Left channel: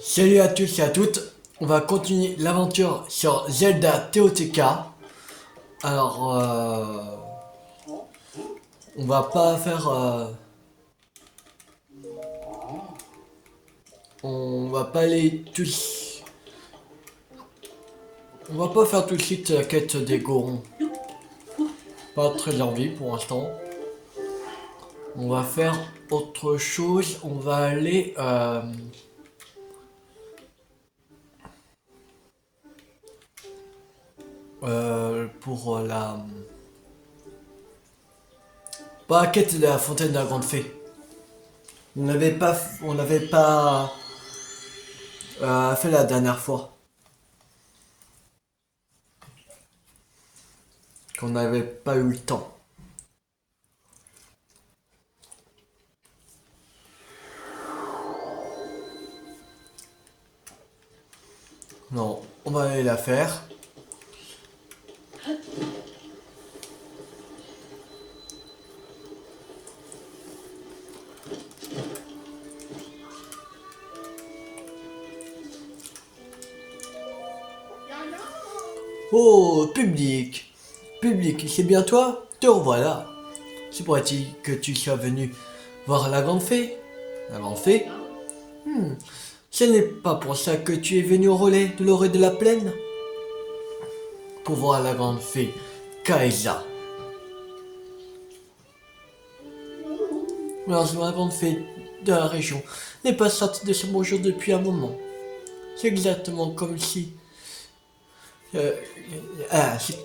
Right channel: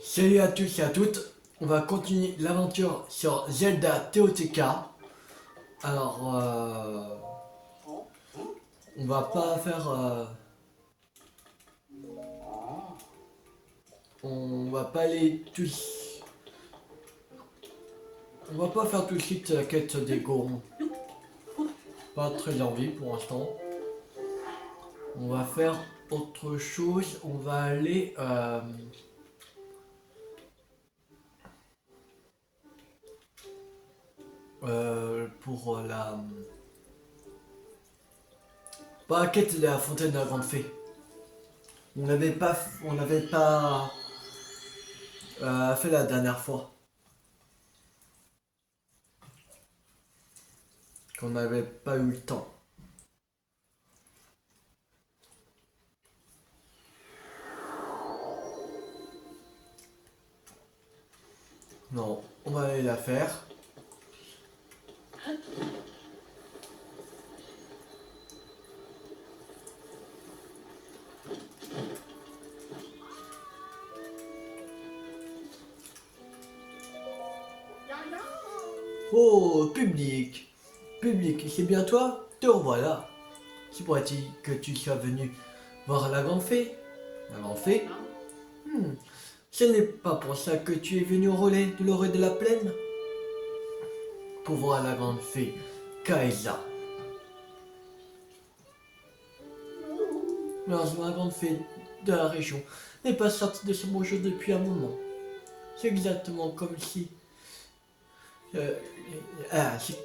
Salut à tous et à toutes, on va continuer l'aventure sur Zelda TOTK. Alors, on va pas faire... on va pas aller tous... On va pas faire tout de suite la quête des Gorons. Pas très envie pour l'instant. On va faire autre chose, on va aller... pour la... Pas la quête de la fontaine de la grande fée. On n'avait pas fait la dernière fois. Qu'on n'avait pas eu le temps. Non, on va aller la faire. Oh, public! Public, c'est bien toi? Te revoilà. C'est pourrait-il que tu sois venu voir la grande fée? La grande fée? Hmm, ce n'est pas pour ça que tu es venu au relais de l'orée de la plaine? Pour voir la grande fée, Kaisa. Alors, la grande fée de la région n'est pas sortie de ce beau jour depuis un moment. C'est exactement comme si... c'est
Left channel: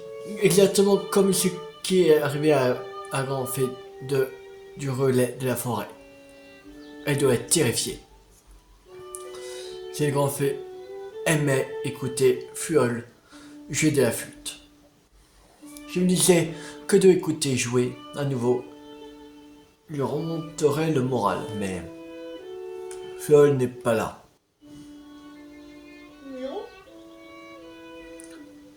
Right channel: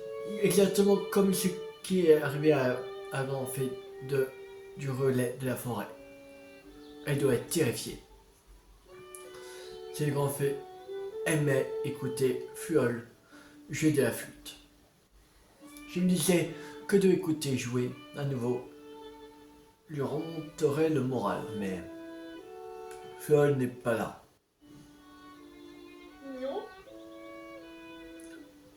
exactement comme ce qui est arrivé à la grande fée du relais de la forêt. Elle doit être terrifiée. Cette grande fée aimait écouter Fuol jouer de la flûte. Je me disais que de écouter jouer à nouveau lui remonterait le moral, mais Fuol n'est pas là.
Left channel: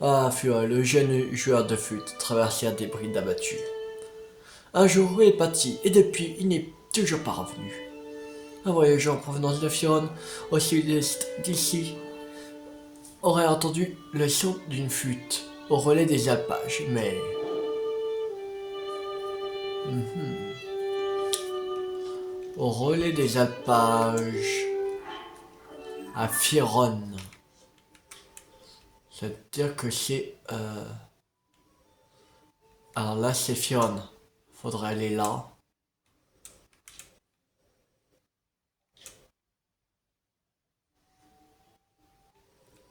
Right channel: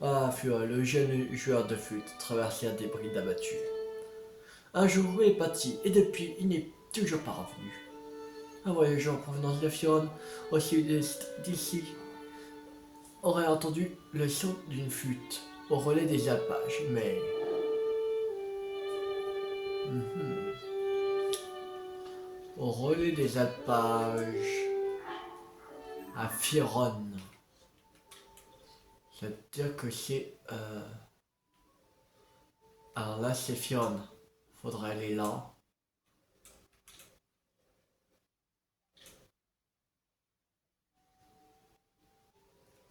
Ah, Fuol, le jeune joueur de flûte, traversait un débris d'abattu. Un jour, il est parti, et depuis, il n'est toujours pas revenu. Un voyageur en provenance de Fion, au sud-est d'ici, aurait entendu le son d'une flûte au relais des alpages, mais... Au relais des alpages, à Firon. C'est-à-dire que c'est... Alors là, c'est Firon. Faudrait aller là.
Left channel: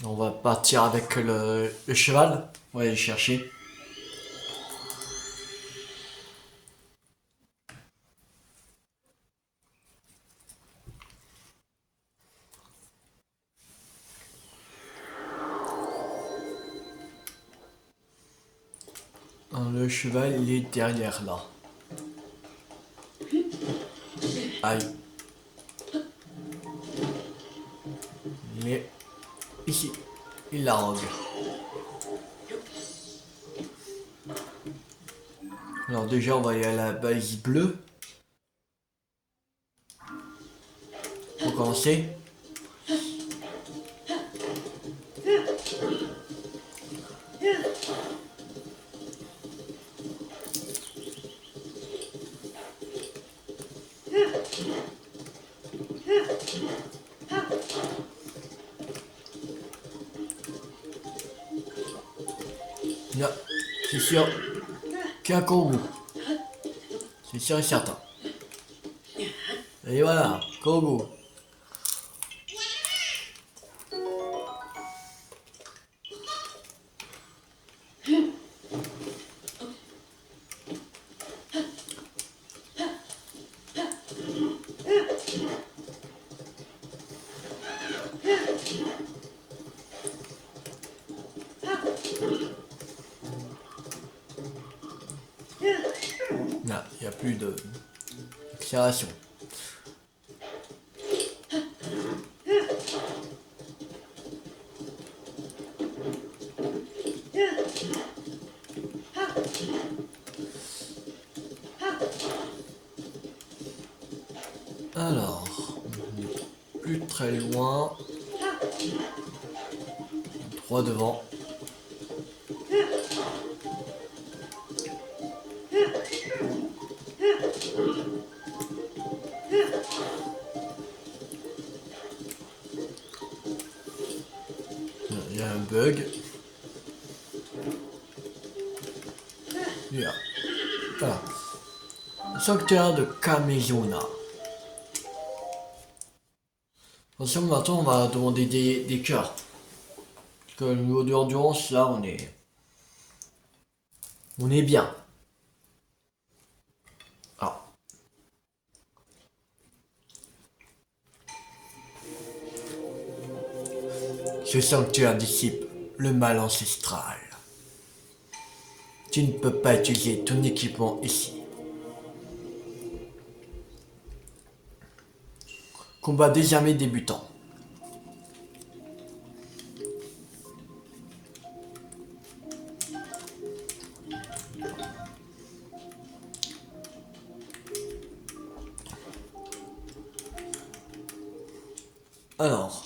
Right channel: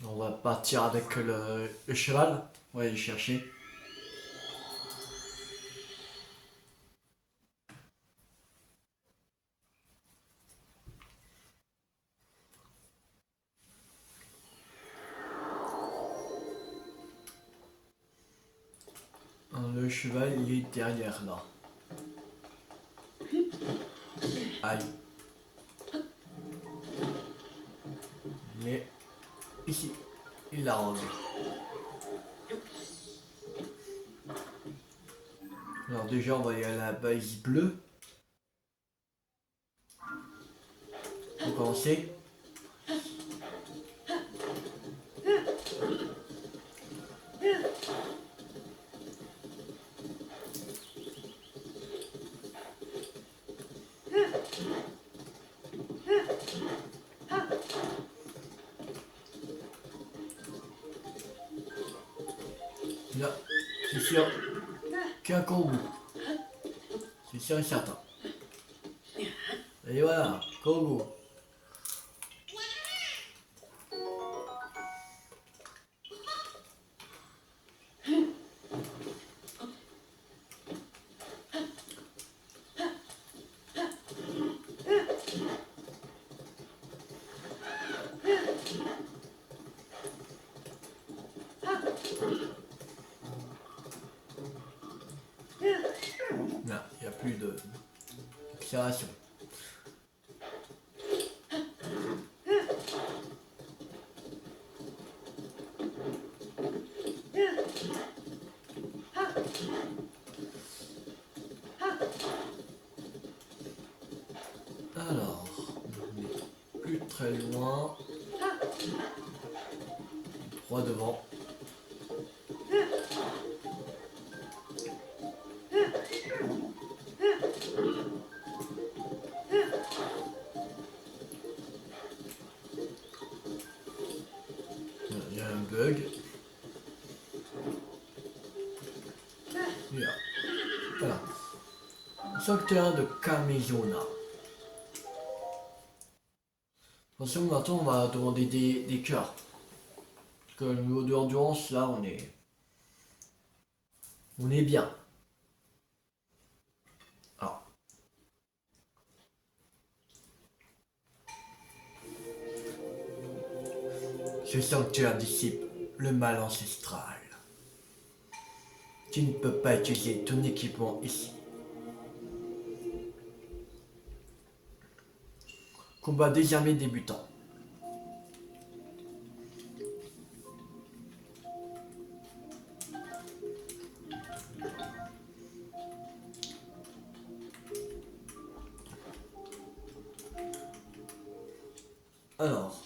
On va partir avec le cheval. On va aller le chercher. Le cheval, il est derrière là. Aïe. Il est ici. Il la rogue. Alors déjà, on va aller à la balise bleue. Pour commencer. Là, c'est sûr qu'un Kourou. C'est sûr et certain. Et voilà, Kourou. Là, il n'y a plus de accélération. Alors, on n'est plus très loin. 3 devant. Il y a un bug. Voilà. Sanctuaire de Kamezuna. Attention, maintenant on va demander des cœurs. Parce que le niveau de endurance, là on est bien. Alors. Ce sanctuaire dissipe le mal ancestral. Tu ne peux pas utiliser ton équipement ici. Combat désarmé débutant. Alors.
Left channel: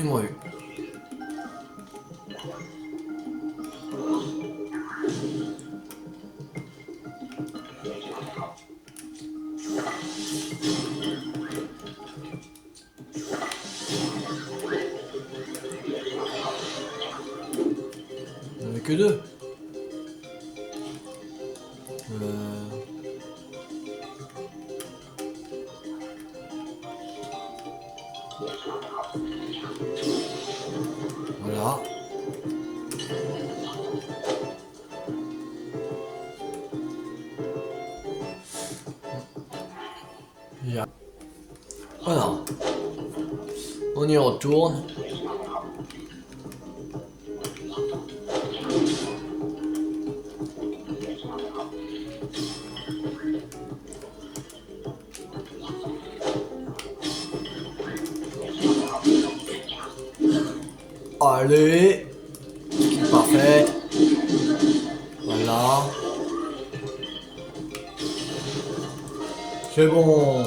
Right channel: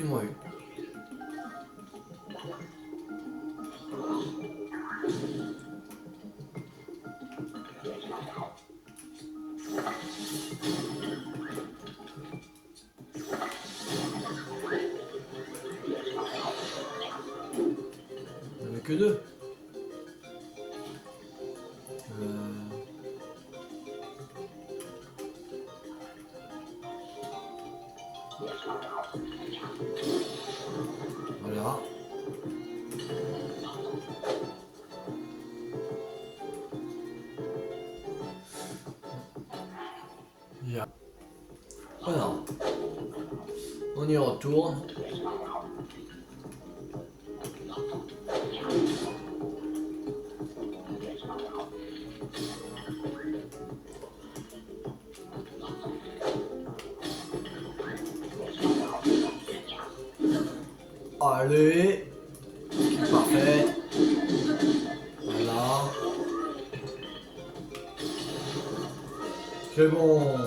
Ils m'ont eu. Il n'y en avait que 2. Voilà. Voilà. On y retourne. Allez. Parfait. Voilà. C'est bon.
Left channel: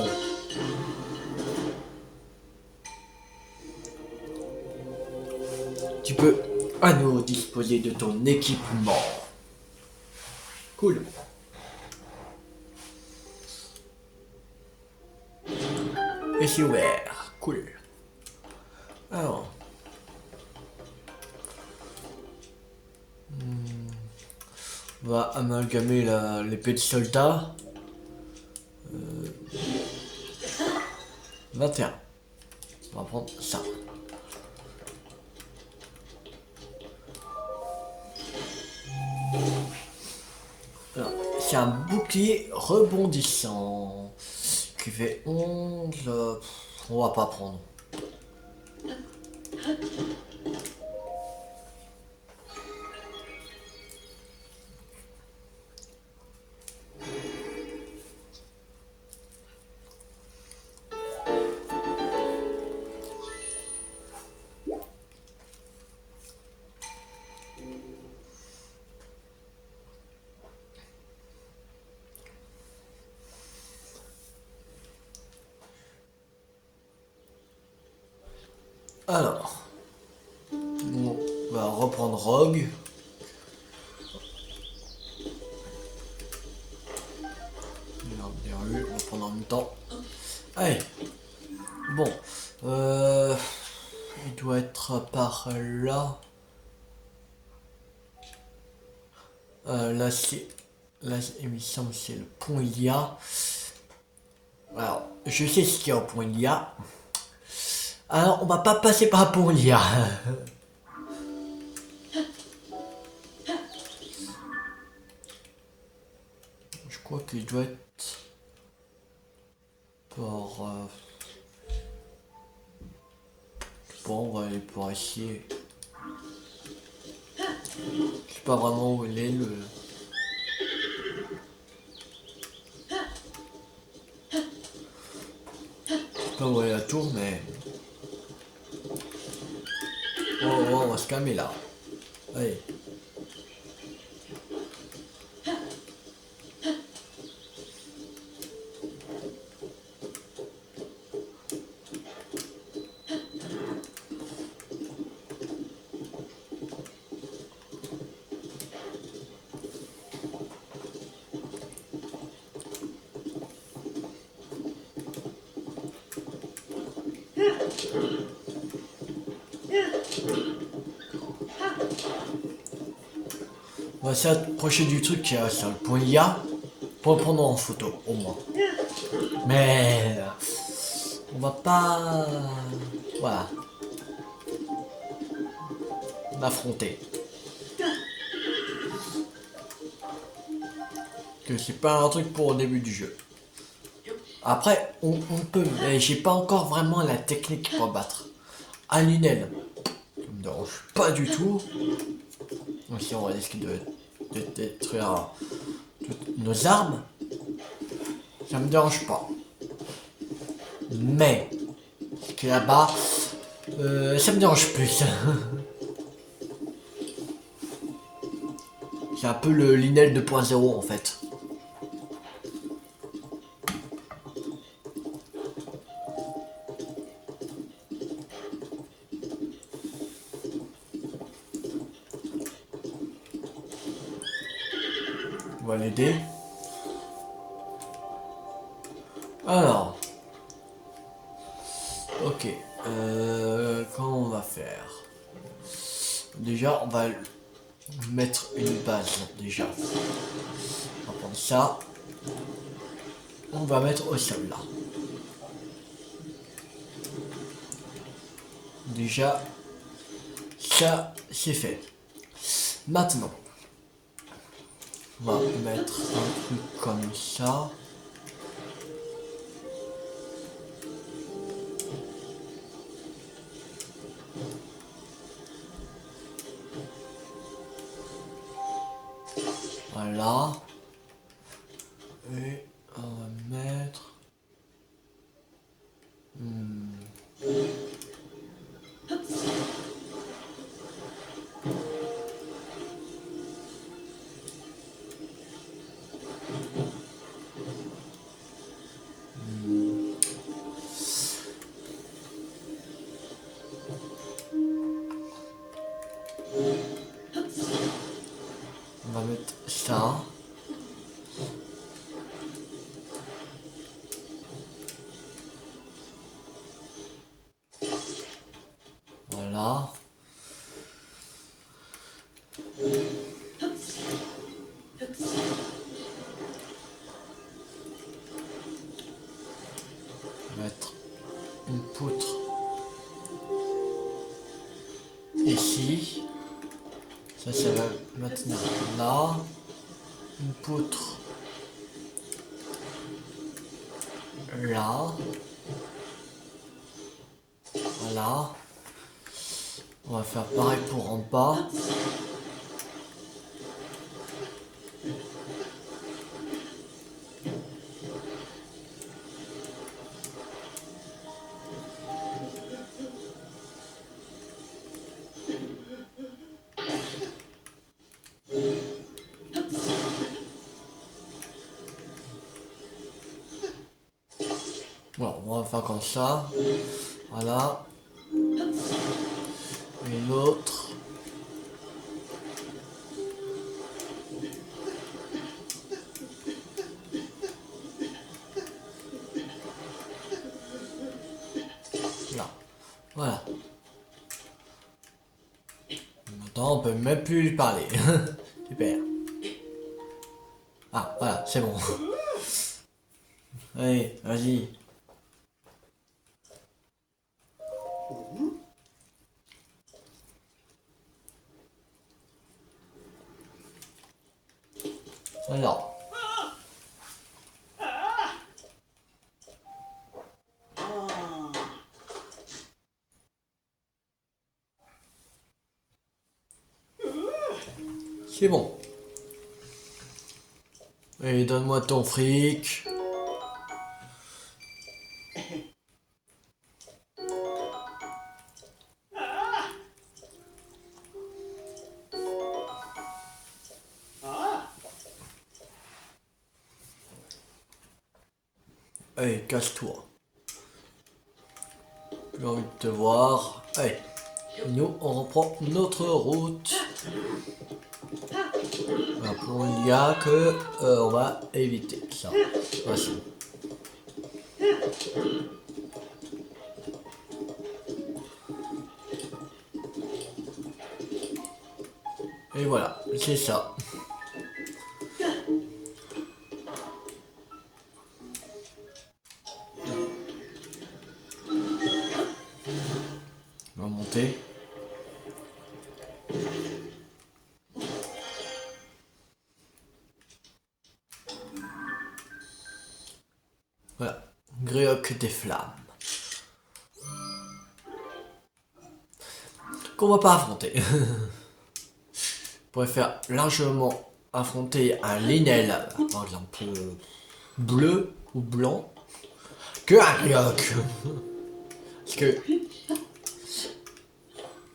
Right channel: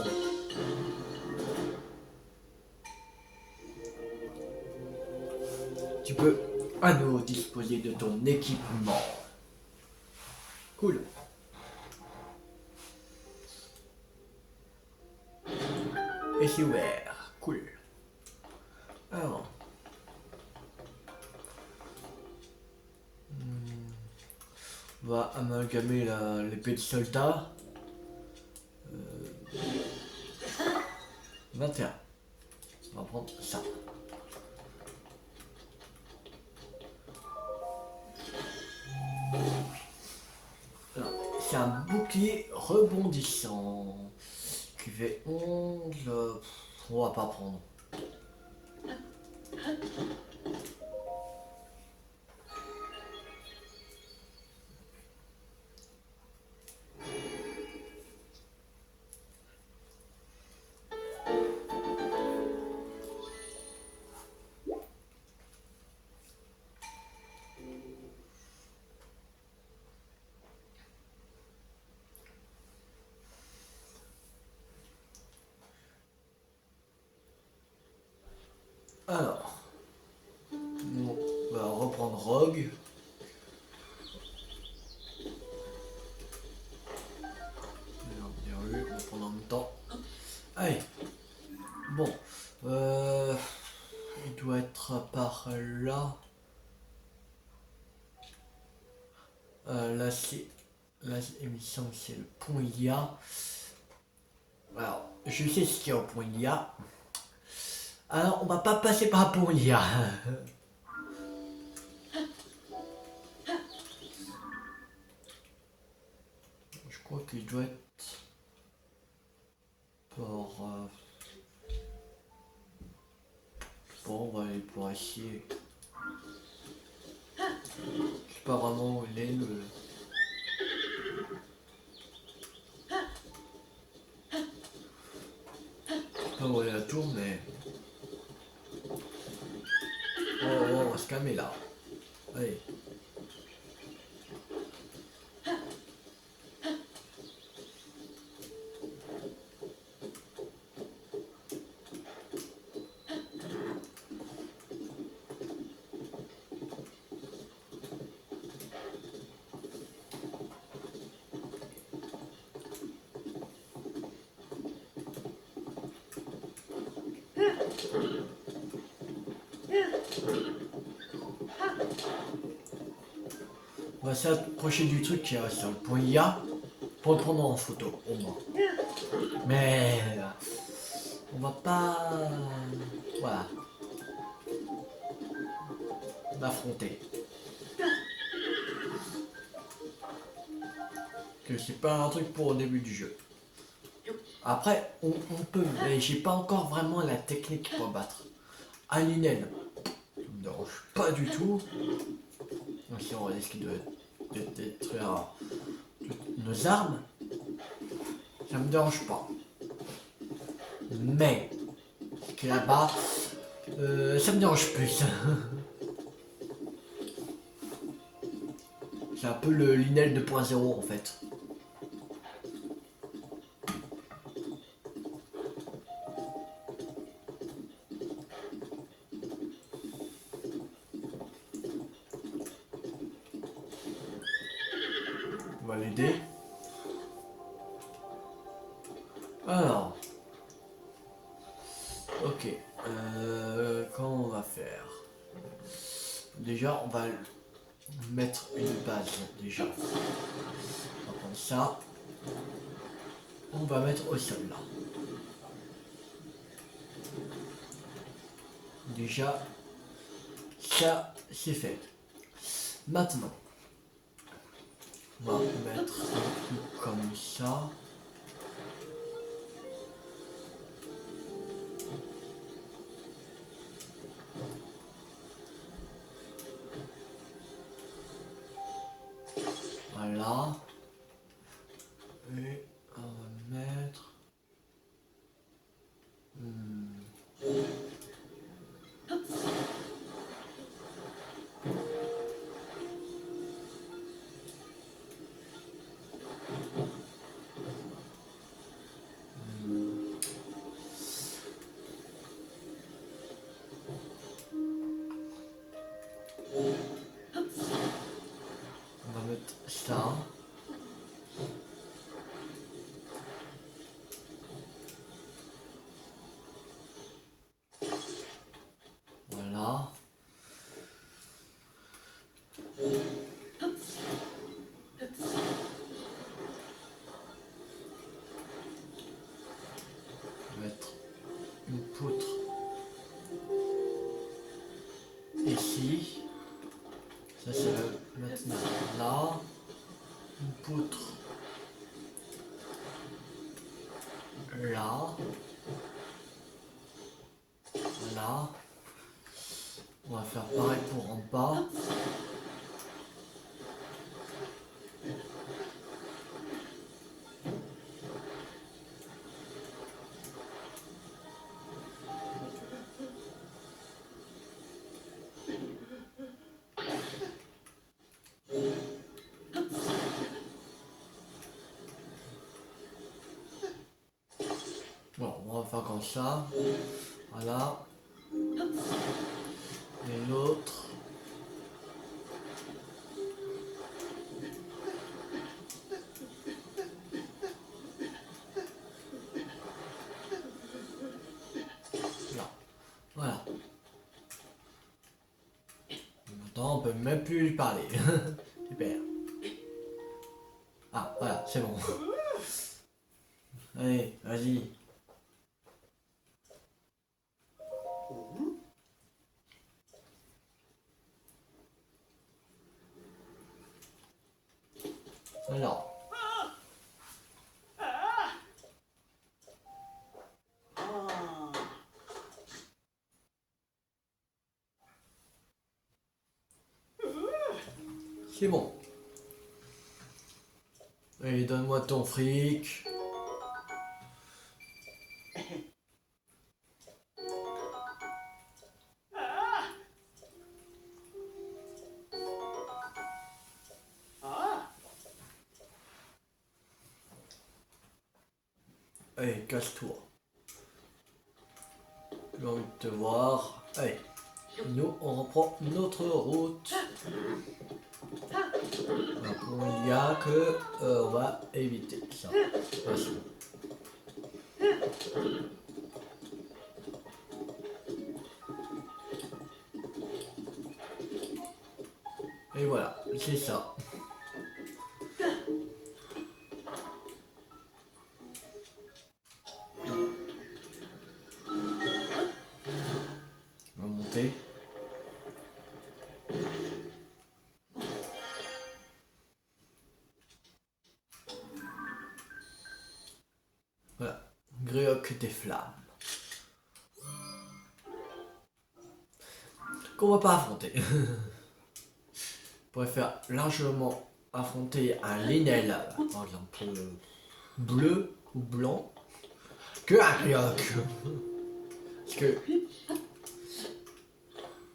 Tu peux à nouveau disposer de ton équipement. Cool. Et c'est ouvert. Cool. Alors. On va amalgamer l'épée de soldat. 21. On va prendre ça. C'est un bouclier rebondissant qui fait 11. On va pas prendre. Alors, on va reprendre Rogue. Bien vu, on va prendre en même temps. Allez, bon, il doit être par là. Là, il me semble que c'est le pont Ilia. Alors, je sais ce qu'il y a au pont Ilia. Alors, on va pas passer par le pont Ilia. Je crois qu'il doit être par... Bon, on va aller pour essayer. Je sais pas vraiment où il est le... Je sais pas où est la tour, mais... Oh, oh, on va se calmer là. Allez. On va s'approcher du truc qui est sur le point IA pour le prendre en photo, au moins. Mais on va pas, voilà, m'affronter. Que c'est pas un truc pour au début du jeu. Après, on peut, mais j'ai pas encore vraiment la technique pour battre. Un Linel, ça me dérange pas du tout. Aussi, on va risquer de détruire toutes nos armes. Ça me dérange pas. Mais, ce qui est là-bas, ça me dérange plus. C'est un peu le Linel 2.0 en fait. On va l'aider. Alors. Ok. Comment on va faire? Déjà, on va mettre une base. Déjà. On va prendre ça. On va mettre au sol là. Déjà, ça c'est fait. Maintenant, on va mettre un truc comme ça. Voilà. Et on va mettre... On va mettre ça. Voilà. Mettre une poutre ici. Ça va maintenant là. Une poutre là. Voilà. On va faire pareil pour en bas. Bon, on va faire comme ça. Voilà. Et l'autre. Là. Voilà. Maintenant, on peut même plus lui parler. Super. Ah, voilà, c'est bon. Allez, vas-y. Alors. C'est bon. Et donne-moi ton fric. Allez, casse-toi. J'ai envie de te voir. Allez. Nous, on reprend notre route. Alors, pour il y a que on va éviter ça. Voici. Et voilà, c'est ça. On va monter. Voilà, Gréoc des flammes. Qu'on va pas affronter. On pourrait faire largement affronter un Linel, par exemple, bleu ou blanc, que un Gréoc. Parce que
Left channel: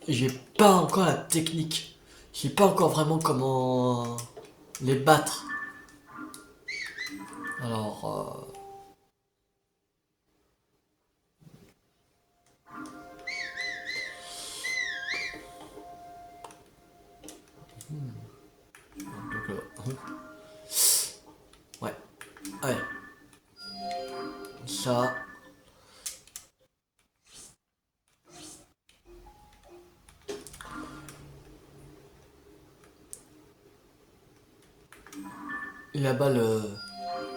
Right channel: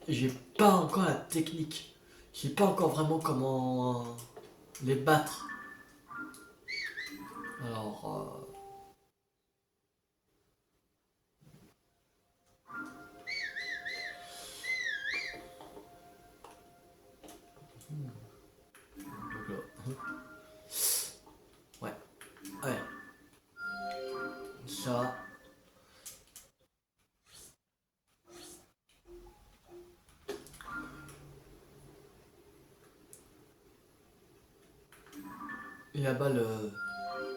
j'ai pas encore la technique. Je sais pas encore vraiment comment les battre. Alors, donc, ouais, ouais, ça, et là-bas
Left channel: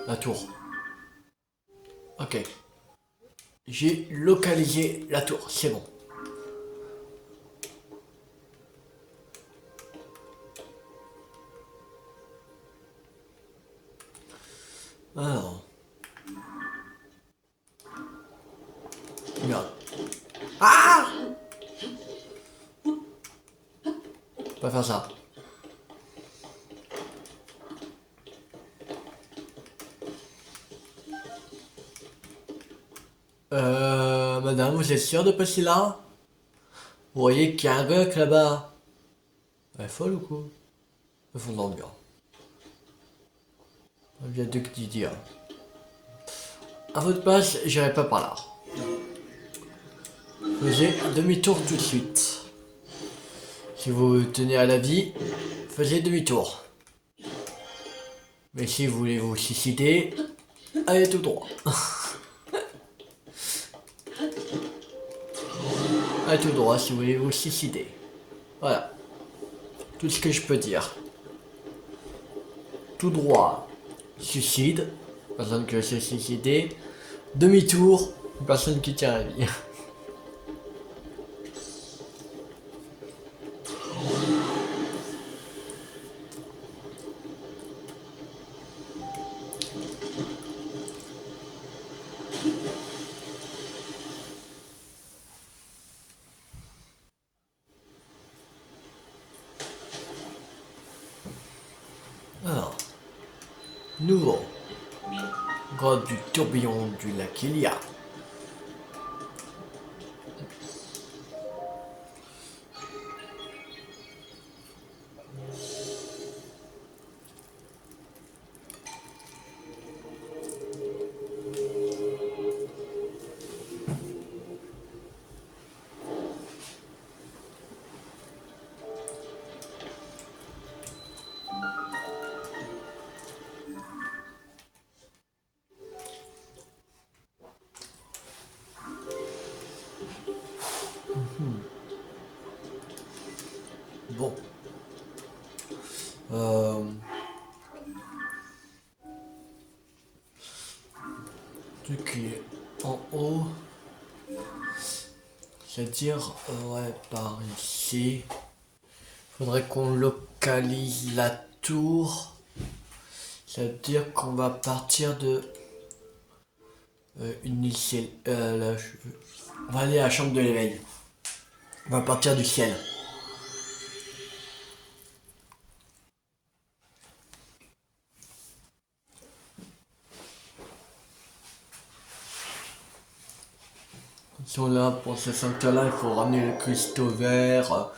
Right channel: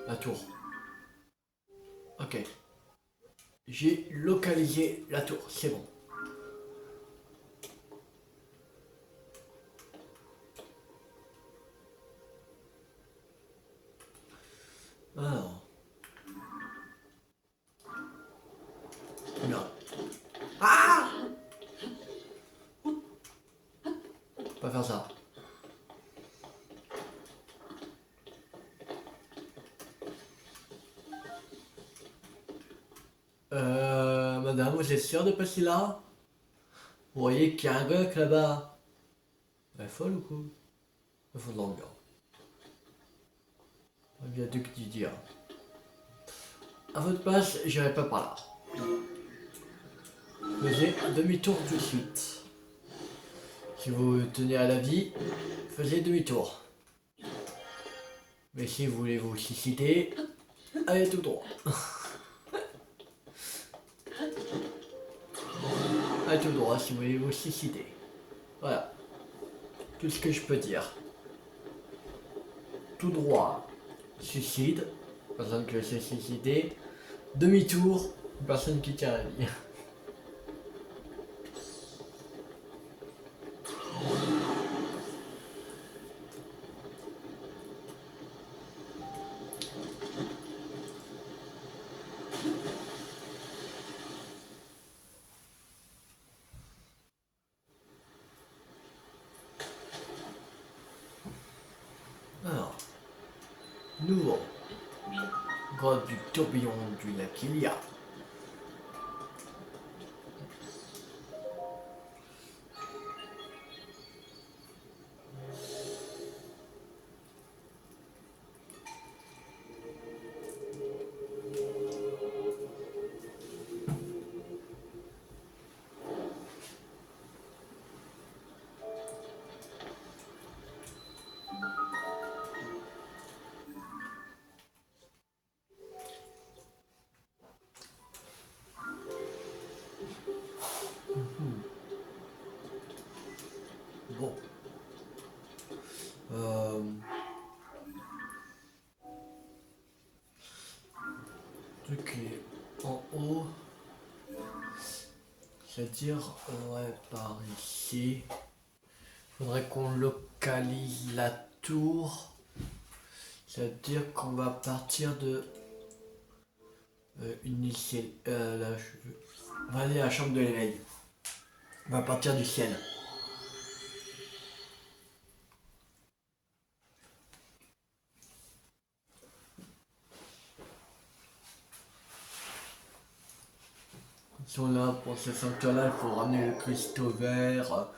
la tour. Ok, j'ai localisé la tour, c'est bon. Alors, regarde. Ah! On va faire ça. Madame, vous êtes sûre de passer là? Vous voyez qu'il y a un gars là-bas. Elle est folle ou quoi? Ils font de bien. Il y a deux qui disent. À votre place, j'irai pas par là. Faisez demi-tour tout de suite. Si vous tenez à la vie, faisiez demi-tour. Mais si vous voulez vous suicider, allez tout droit. Allez tout droit si vous voulez vous suicider. Voilà. Tout ce que je peux dire. Tout droit, suicide. Personne qui s'est suicidé. Demi-tour, personne qui tient à la vie. Alors, nouveau. Grotte du tourbillon du lac Ilia. Bon. Truc qui est en haut. C'est-à-dire, ouais, par ici. Faudrait qu'on localise la tour. C'est-à-dire qu'on va partir de une ciel. On va aller à la chambre de l'éveil. On va partir du ciel. Si on est là pour ce sanctuaire-là, il faut ramener le cristaux vert.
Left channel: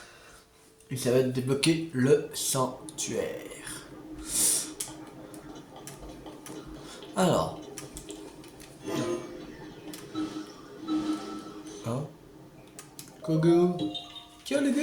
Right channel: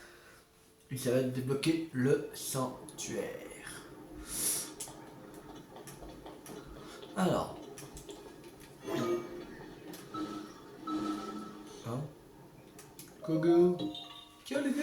Et ça va être débloquer le sanctuaire. Alors. Kogo. Tiens les gars.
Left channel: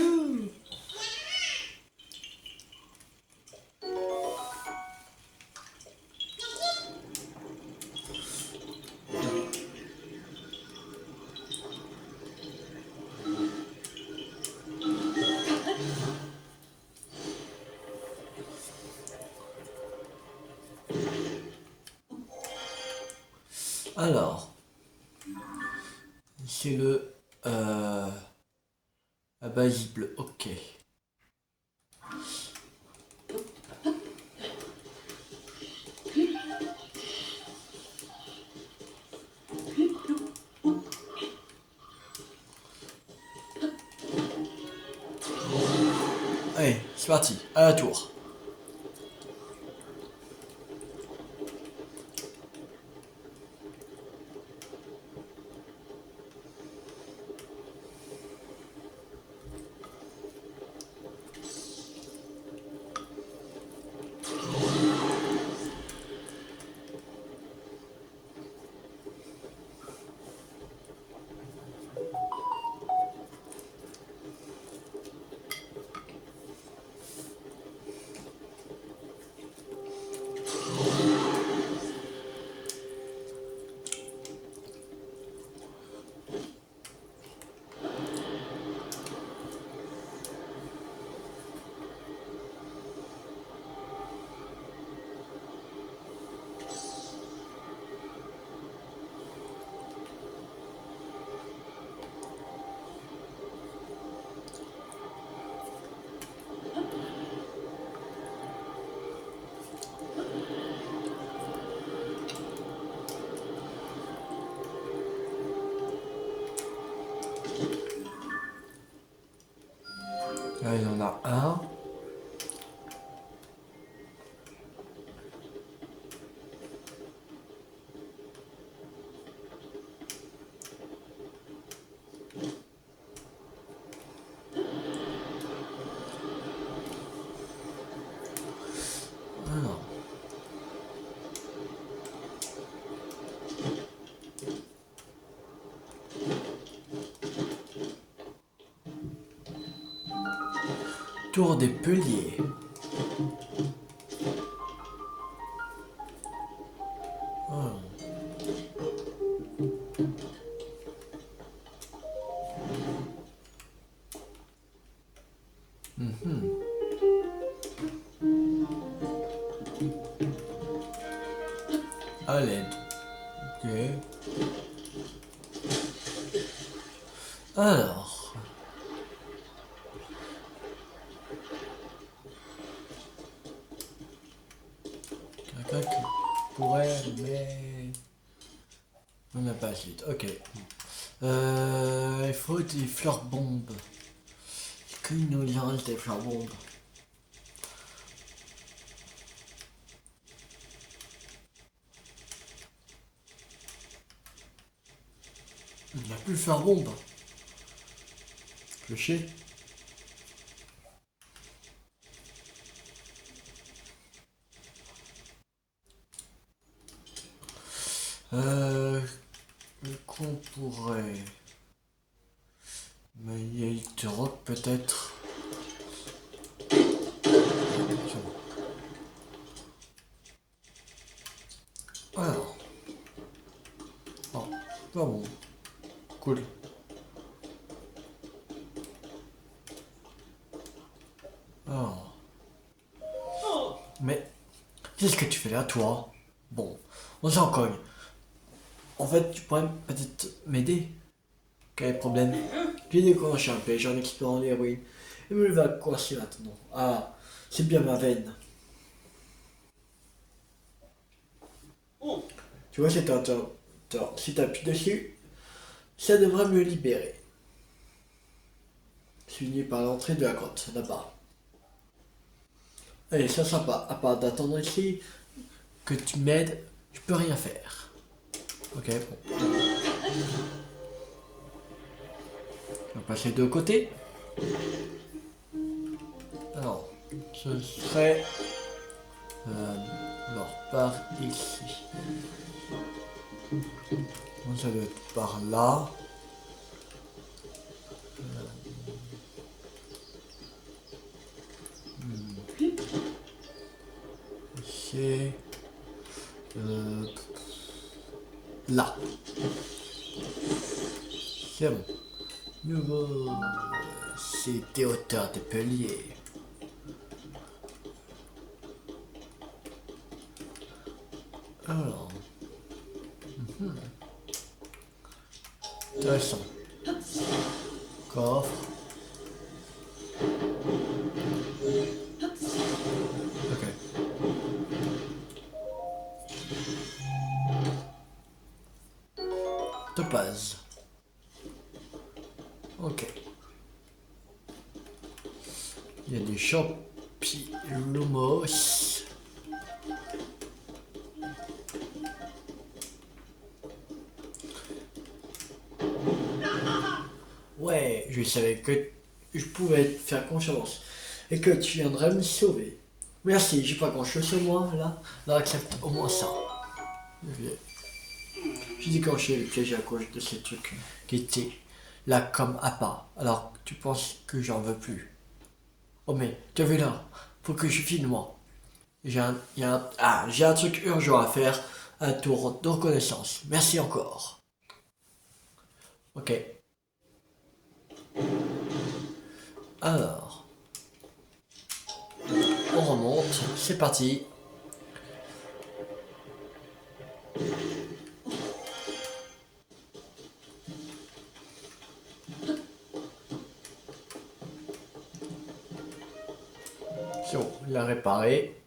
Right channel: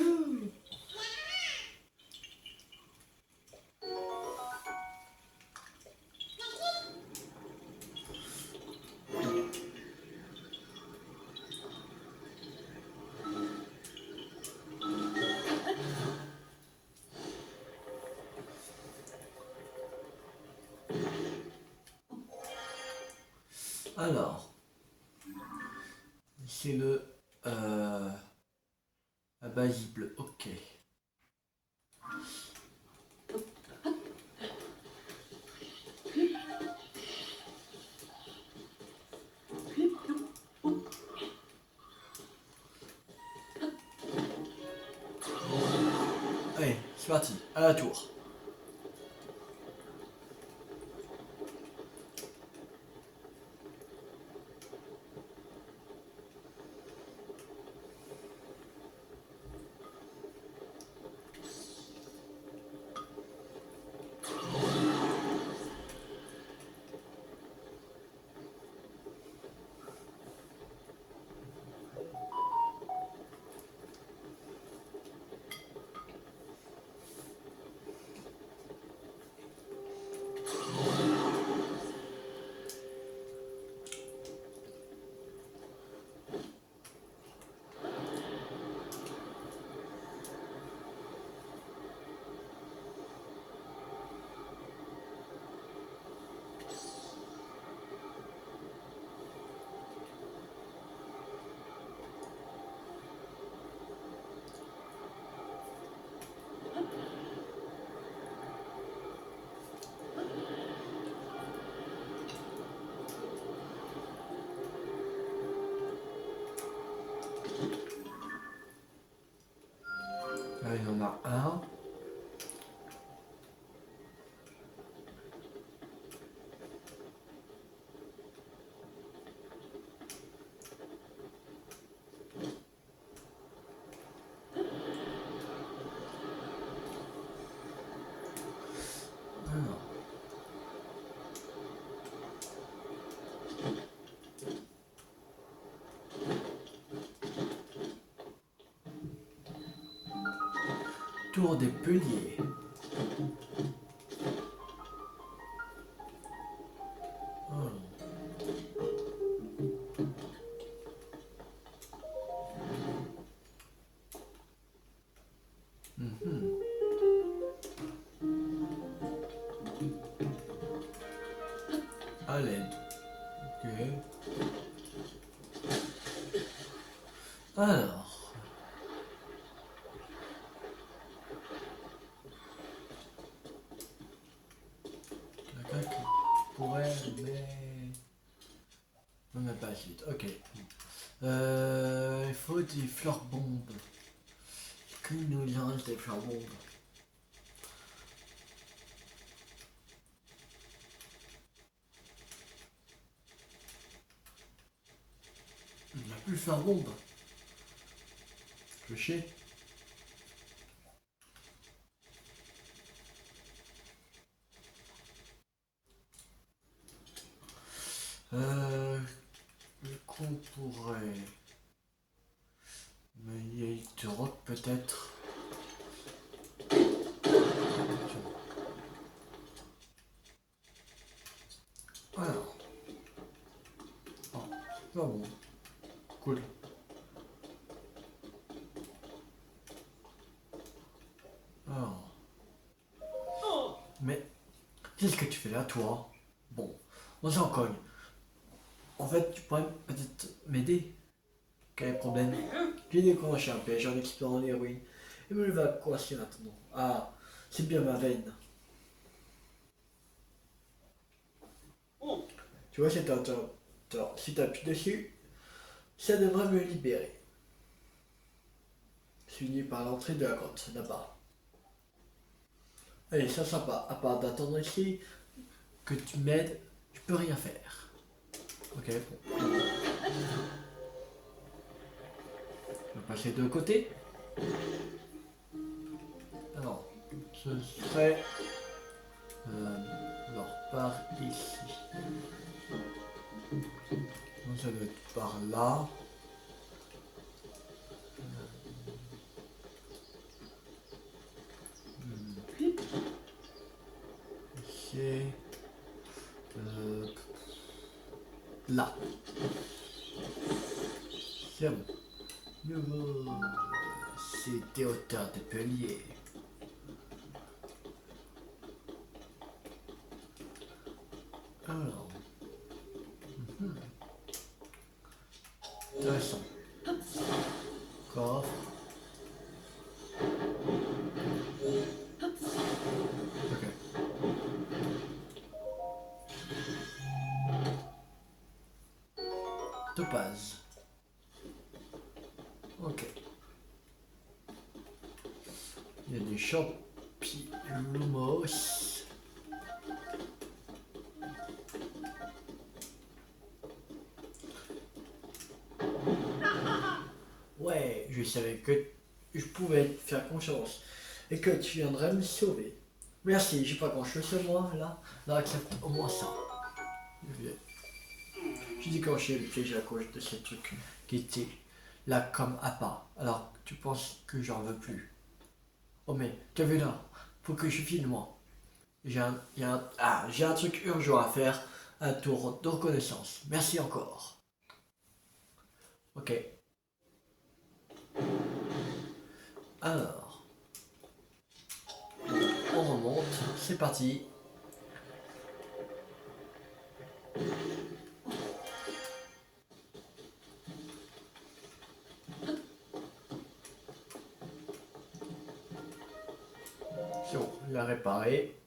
Alors, c'est le abasible, ok. Allez, c'est parti, à la tour. Là, il y en a un. Alors. Tour des Peliers. Oh. Mhm. À l'aide. Ok. Alors. Quelqu'un qui pourrait, mais... On n'a pas la suite. Ok. Il faut des fleurs bombes. Est-ce qu'il nous en reste des fleurs bombes? Il n'y a plus de fleurs bombes. Je sais. Euh, qu'on pourrait... Mais il y a du rock peut-être. Alors. Oh, pas bon. Cool. Alors. Mais, qu'est-ce que tu fais là, toi? Bon, on s'en cogne. En fait, tu pourrais peut-être m'aider? Quel problème? J'ai déclenché un piège en explorant les ruines. Et me va coincer maintenant. Ah, c'est bien ma veine. Tu vois cet interrupteur. Si tu appuies dessus, ça devrait me libérer. Fini par l'entrée de la grotte, là-bas. Allez, c'est sympa. À part d'attendre ici, que tu m'aides, je peux rien faire. Ok, bon. On va passer de côté. Alors, ce serait... alors, par ici. Ça doit être par là. Euh, là. C'est bon. Nouveau. C'était hauteur de palier. Alors. Intéressant. Coffre. Ok. Topaz. Ok. Il y a des champignons. Ouais, je savais que je pouvais te faire confiance et que tu viendrais me sauver. Merci, j'ai pas grand chose sur moi là. Là, accepte au moins ça. J'ai déclenché le piège à cause de ces trucs qui étaient là comme appât. Alors tu penses que j'en veux plus. Oh mais, t'as vu là? Faut que je filme moi. J'ai un truc urgent à faire. Un tour de reconnaissance. Merci encore. Ok. Alors, on remonte. C'est parti. C'est bon, il a réparé.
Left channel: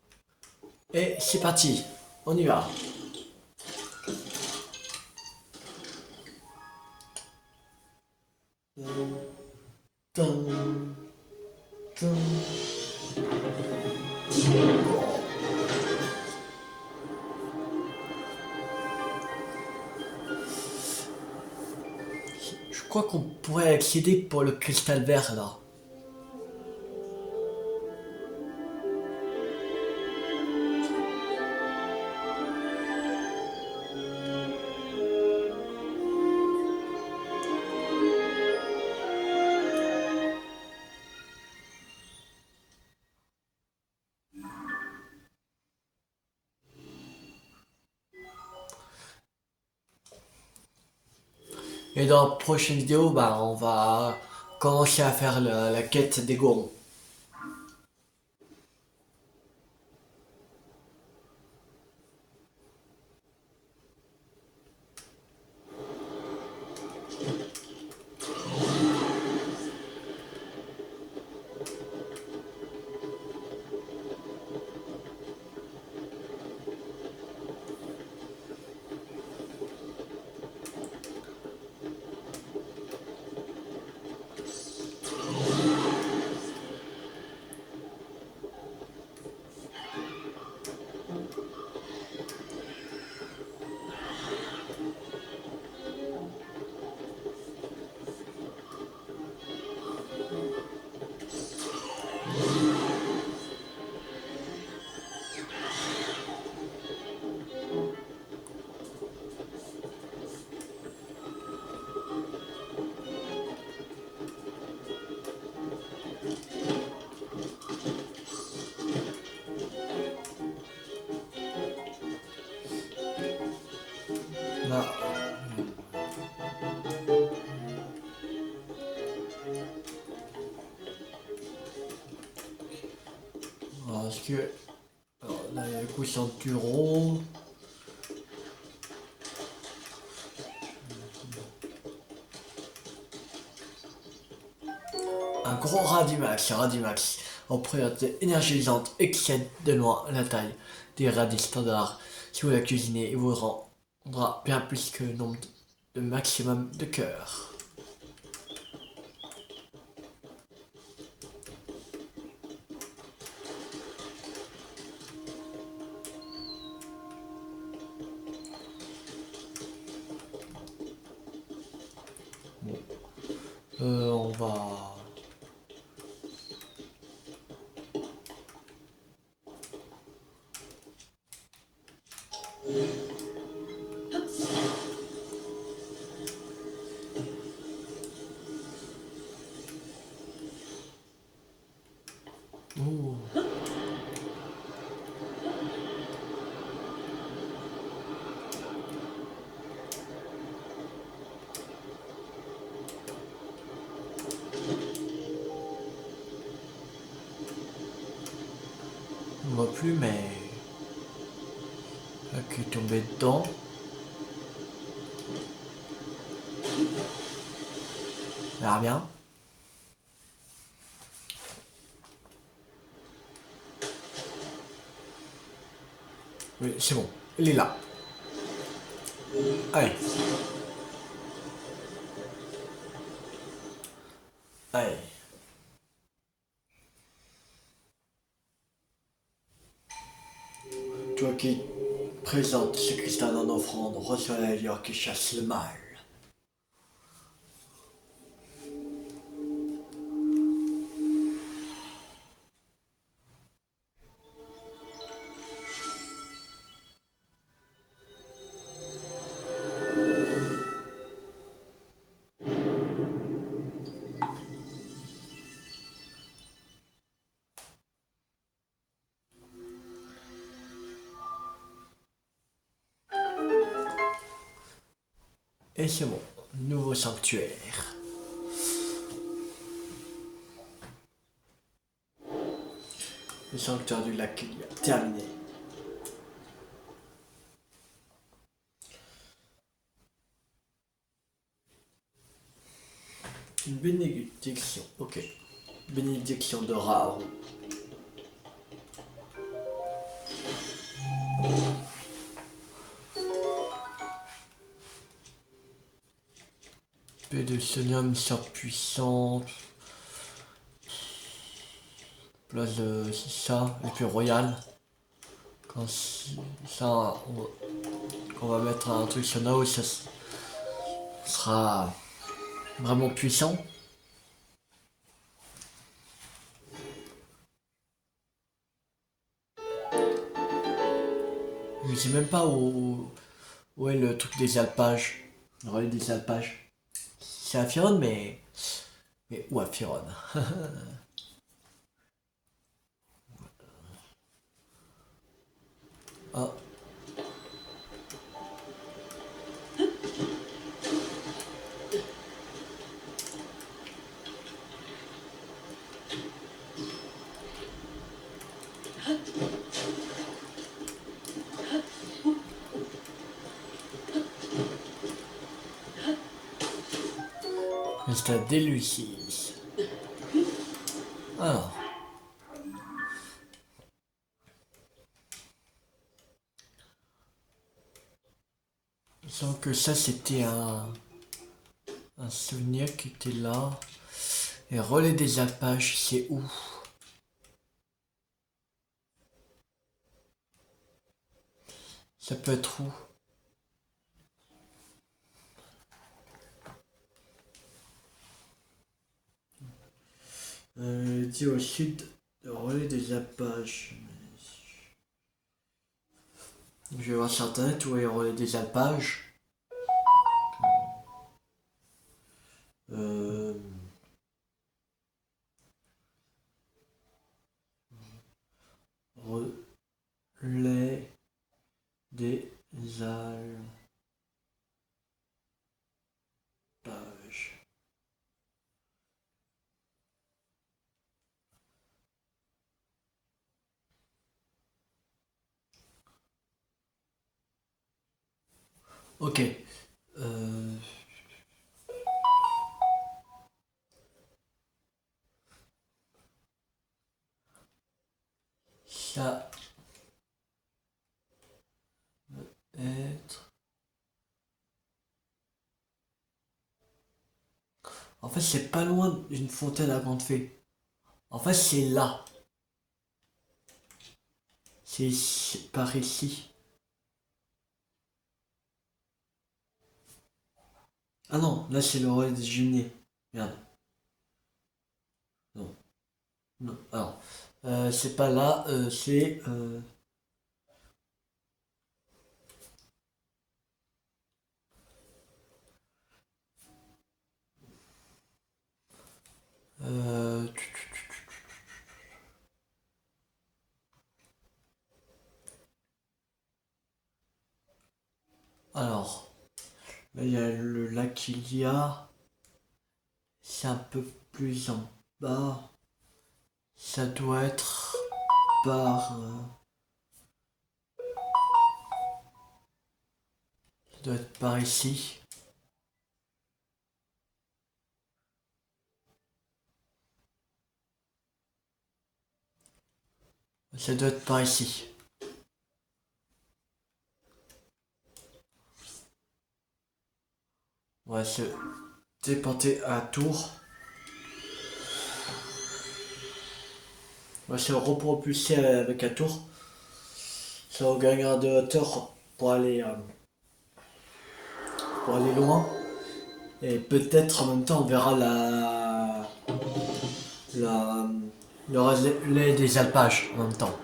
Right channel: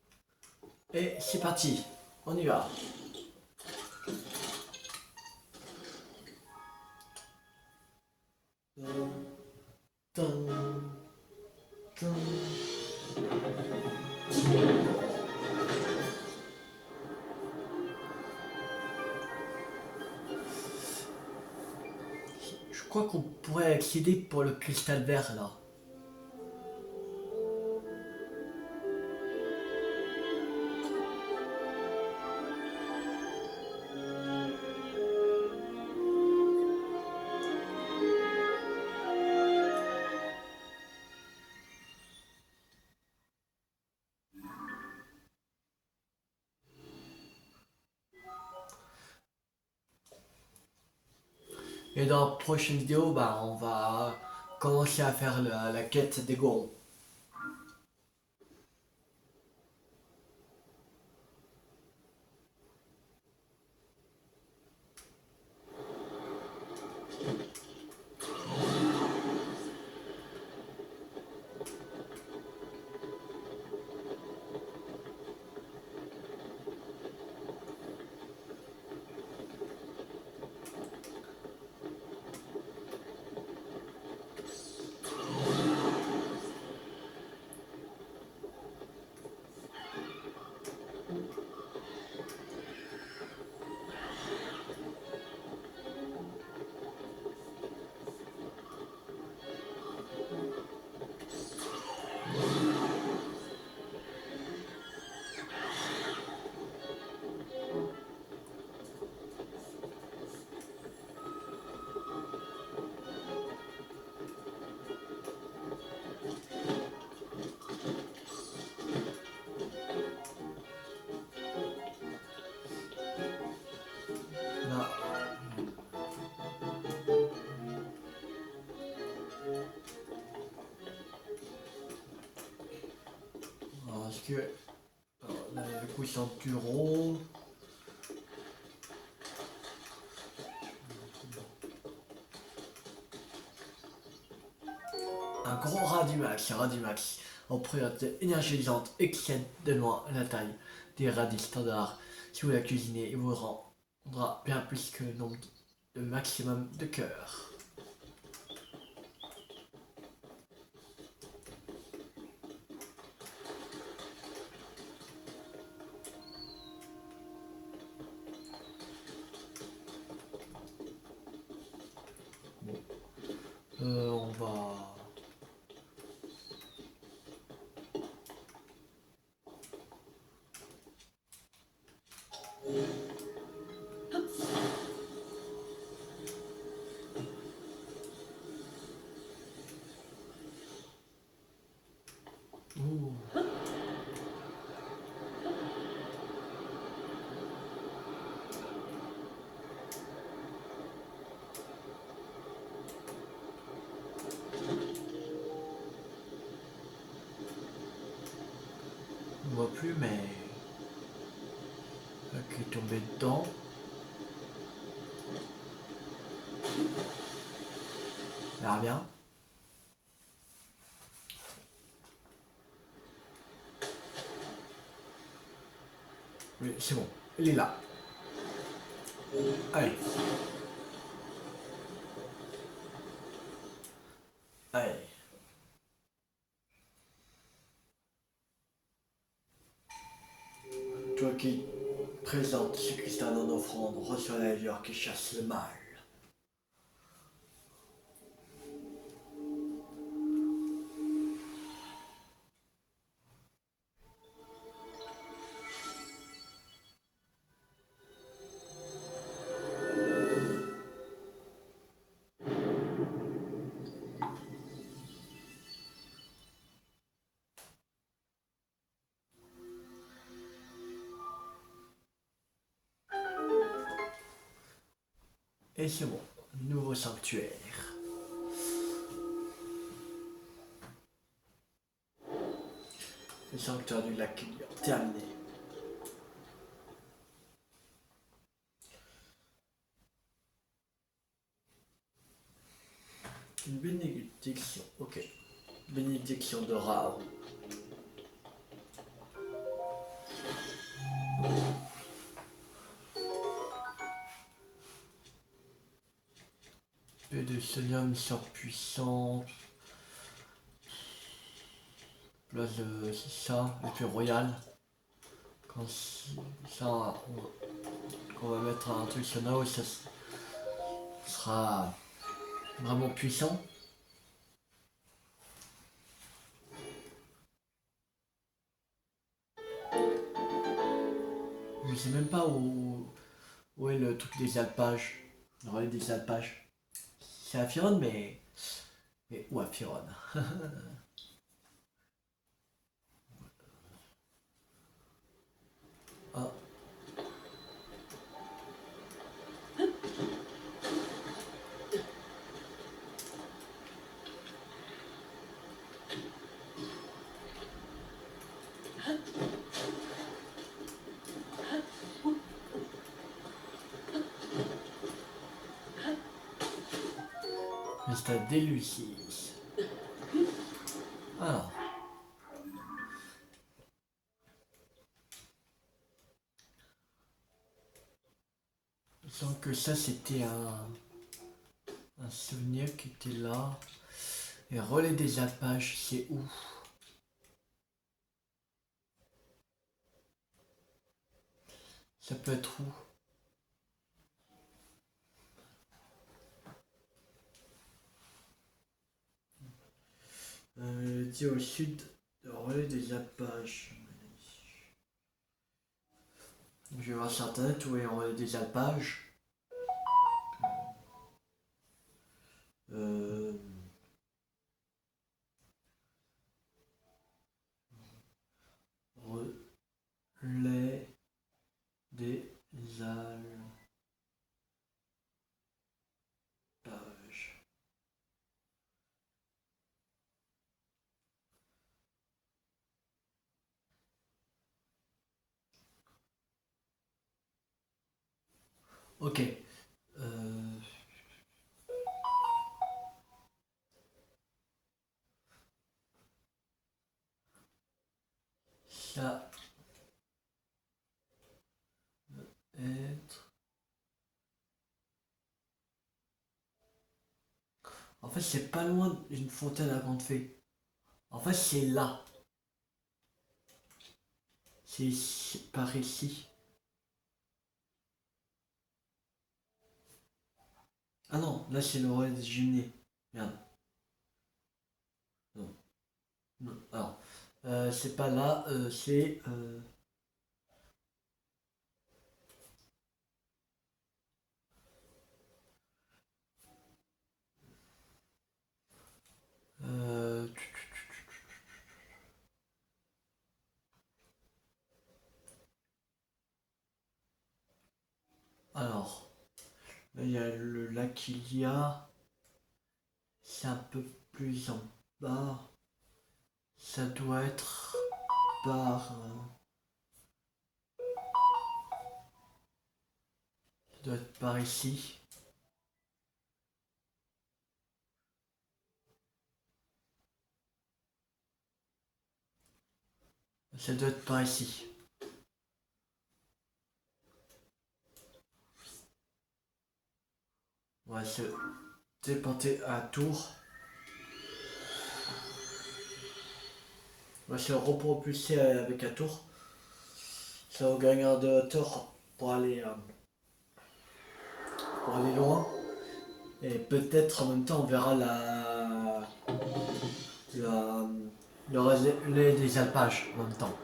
Et c'est parti. On y va. Tum, tum. Je crois qu'on pourrait accéder pour le cristal vert là. Et dans la prochaine vidéo, bah, on va commencer à faire la quête des gourmands. Là, parce que alors, là, il y a le coup ceinturon. Un gros Radimax en propriété énergisante excède de loin la taille des radis standards. Si vous la cuisinez, il vous rendra bien plus que le nombre de maximum de cœur. Bon. On va... Ouh. moi plus, mais... Qui est tombé dedans. On verra bien. Oui, c'est bon. Il est là. Allez. Allez. Toi qui présente ce cristal en offrande, reçois la lueur qui chasse le mal. Et c'est bon. Nouveau sanctuaire. Le sanctuaire du lac Kilia. Terminé. Une bénédiction. Ok. Bénédiction de Raoult. Épée de Sonium surpuissante. Place de... c'est ça. Épée royale. Quand ça... On va mettre un truc sur Nao, ça sera vraiment puissant. Je sais même pas où est le truc des alpages. Le relais des alpages. C'est à Firon, mais où à Firon? Ah, c'est à Délucis. Alors, disons que ça c'était un souvenir qui était là. Et relais des alpages, c'est où? Ça peut être où? Dit au sud, le relais des alpages. Je vais voir sur internet où est le relais des alpages. Euh, relais des alpages. Ok. Euh, ça être. En fait, c'est pas loin d'une fontaine à grande fée. En fait, c'est là. C'est par ici. Ah non, là c'est le relais des jumelés. Merde. Non. Non. Alors, c'est pas là, c'est... euh, alors, là il y a le lac Ilia. C'est un peu plus en bas. Ça doit être... part... ça doit être par ici. Ça doit être par ici. On va se téléporter à la tour. On va se repropulser avec la tour. Ça va gagner de hauteur pour aller loin. Et peut-être en même temps on verra le relais des alpages en même temps.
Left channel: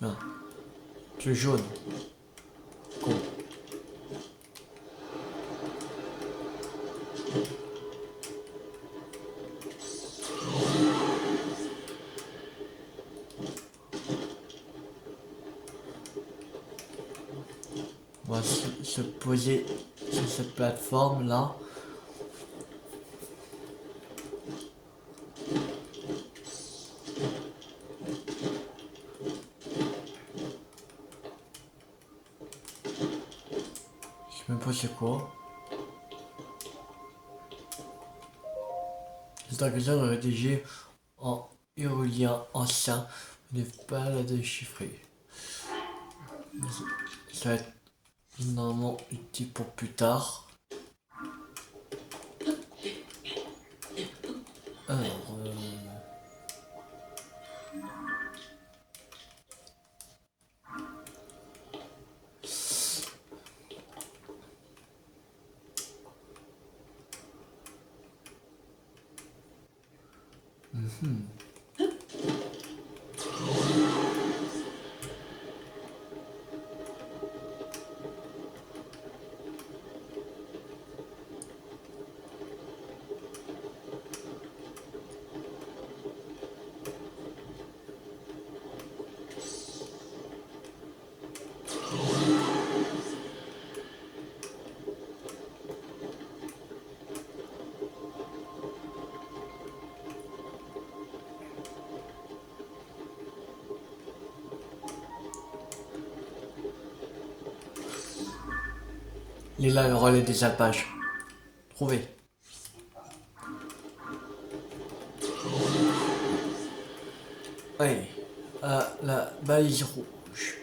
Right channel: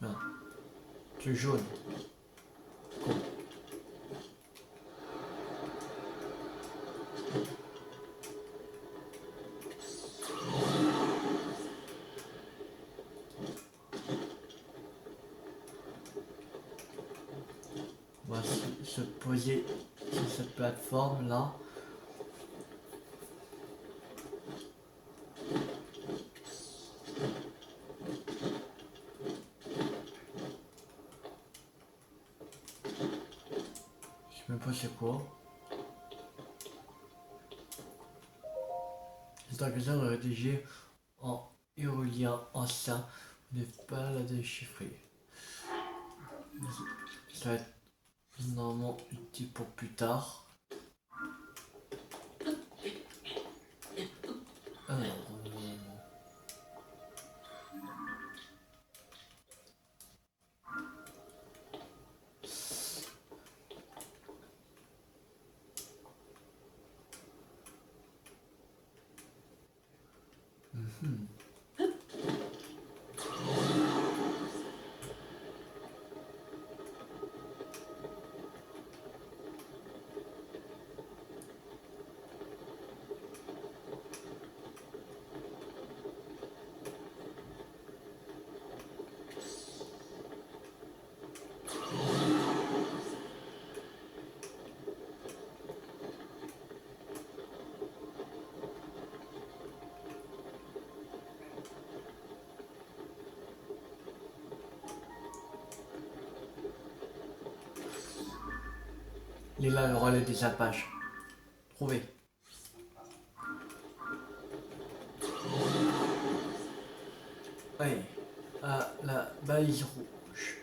Non. Plus jaune. Cool. On va se poser sur cette plateforme là. Je sais même pas c'est quoi. C'est un question rédigé en hieroglyphe ancien. Vous n'avez pas la déchiffrer. Ça va être normalement utile pour plus tard. Alors, il est là le relais des alpages. Trouvé. Oui. La balise rouge.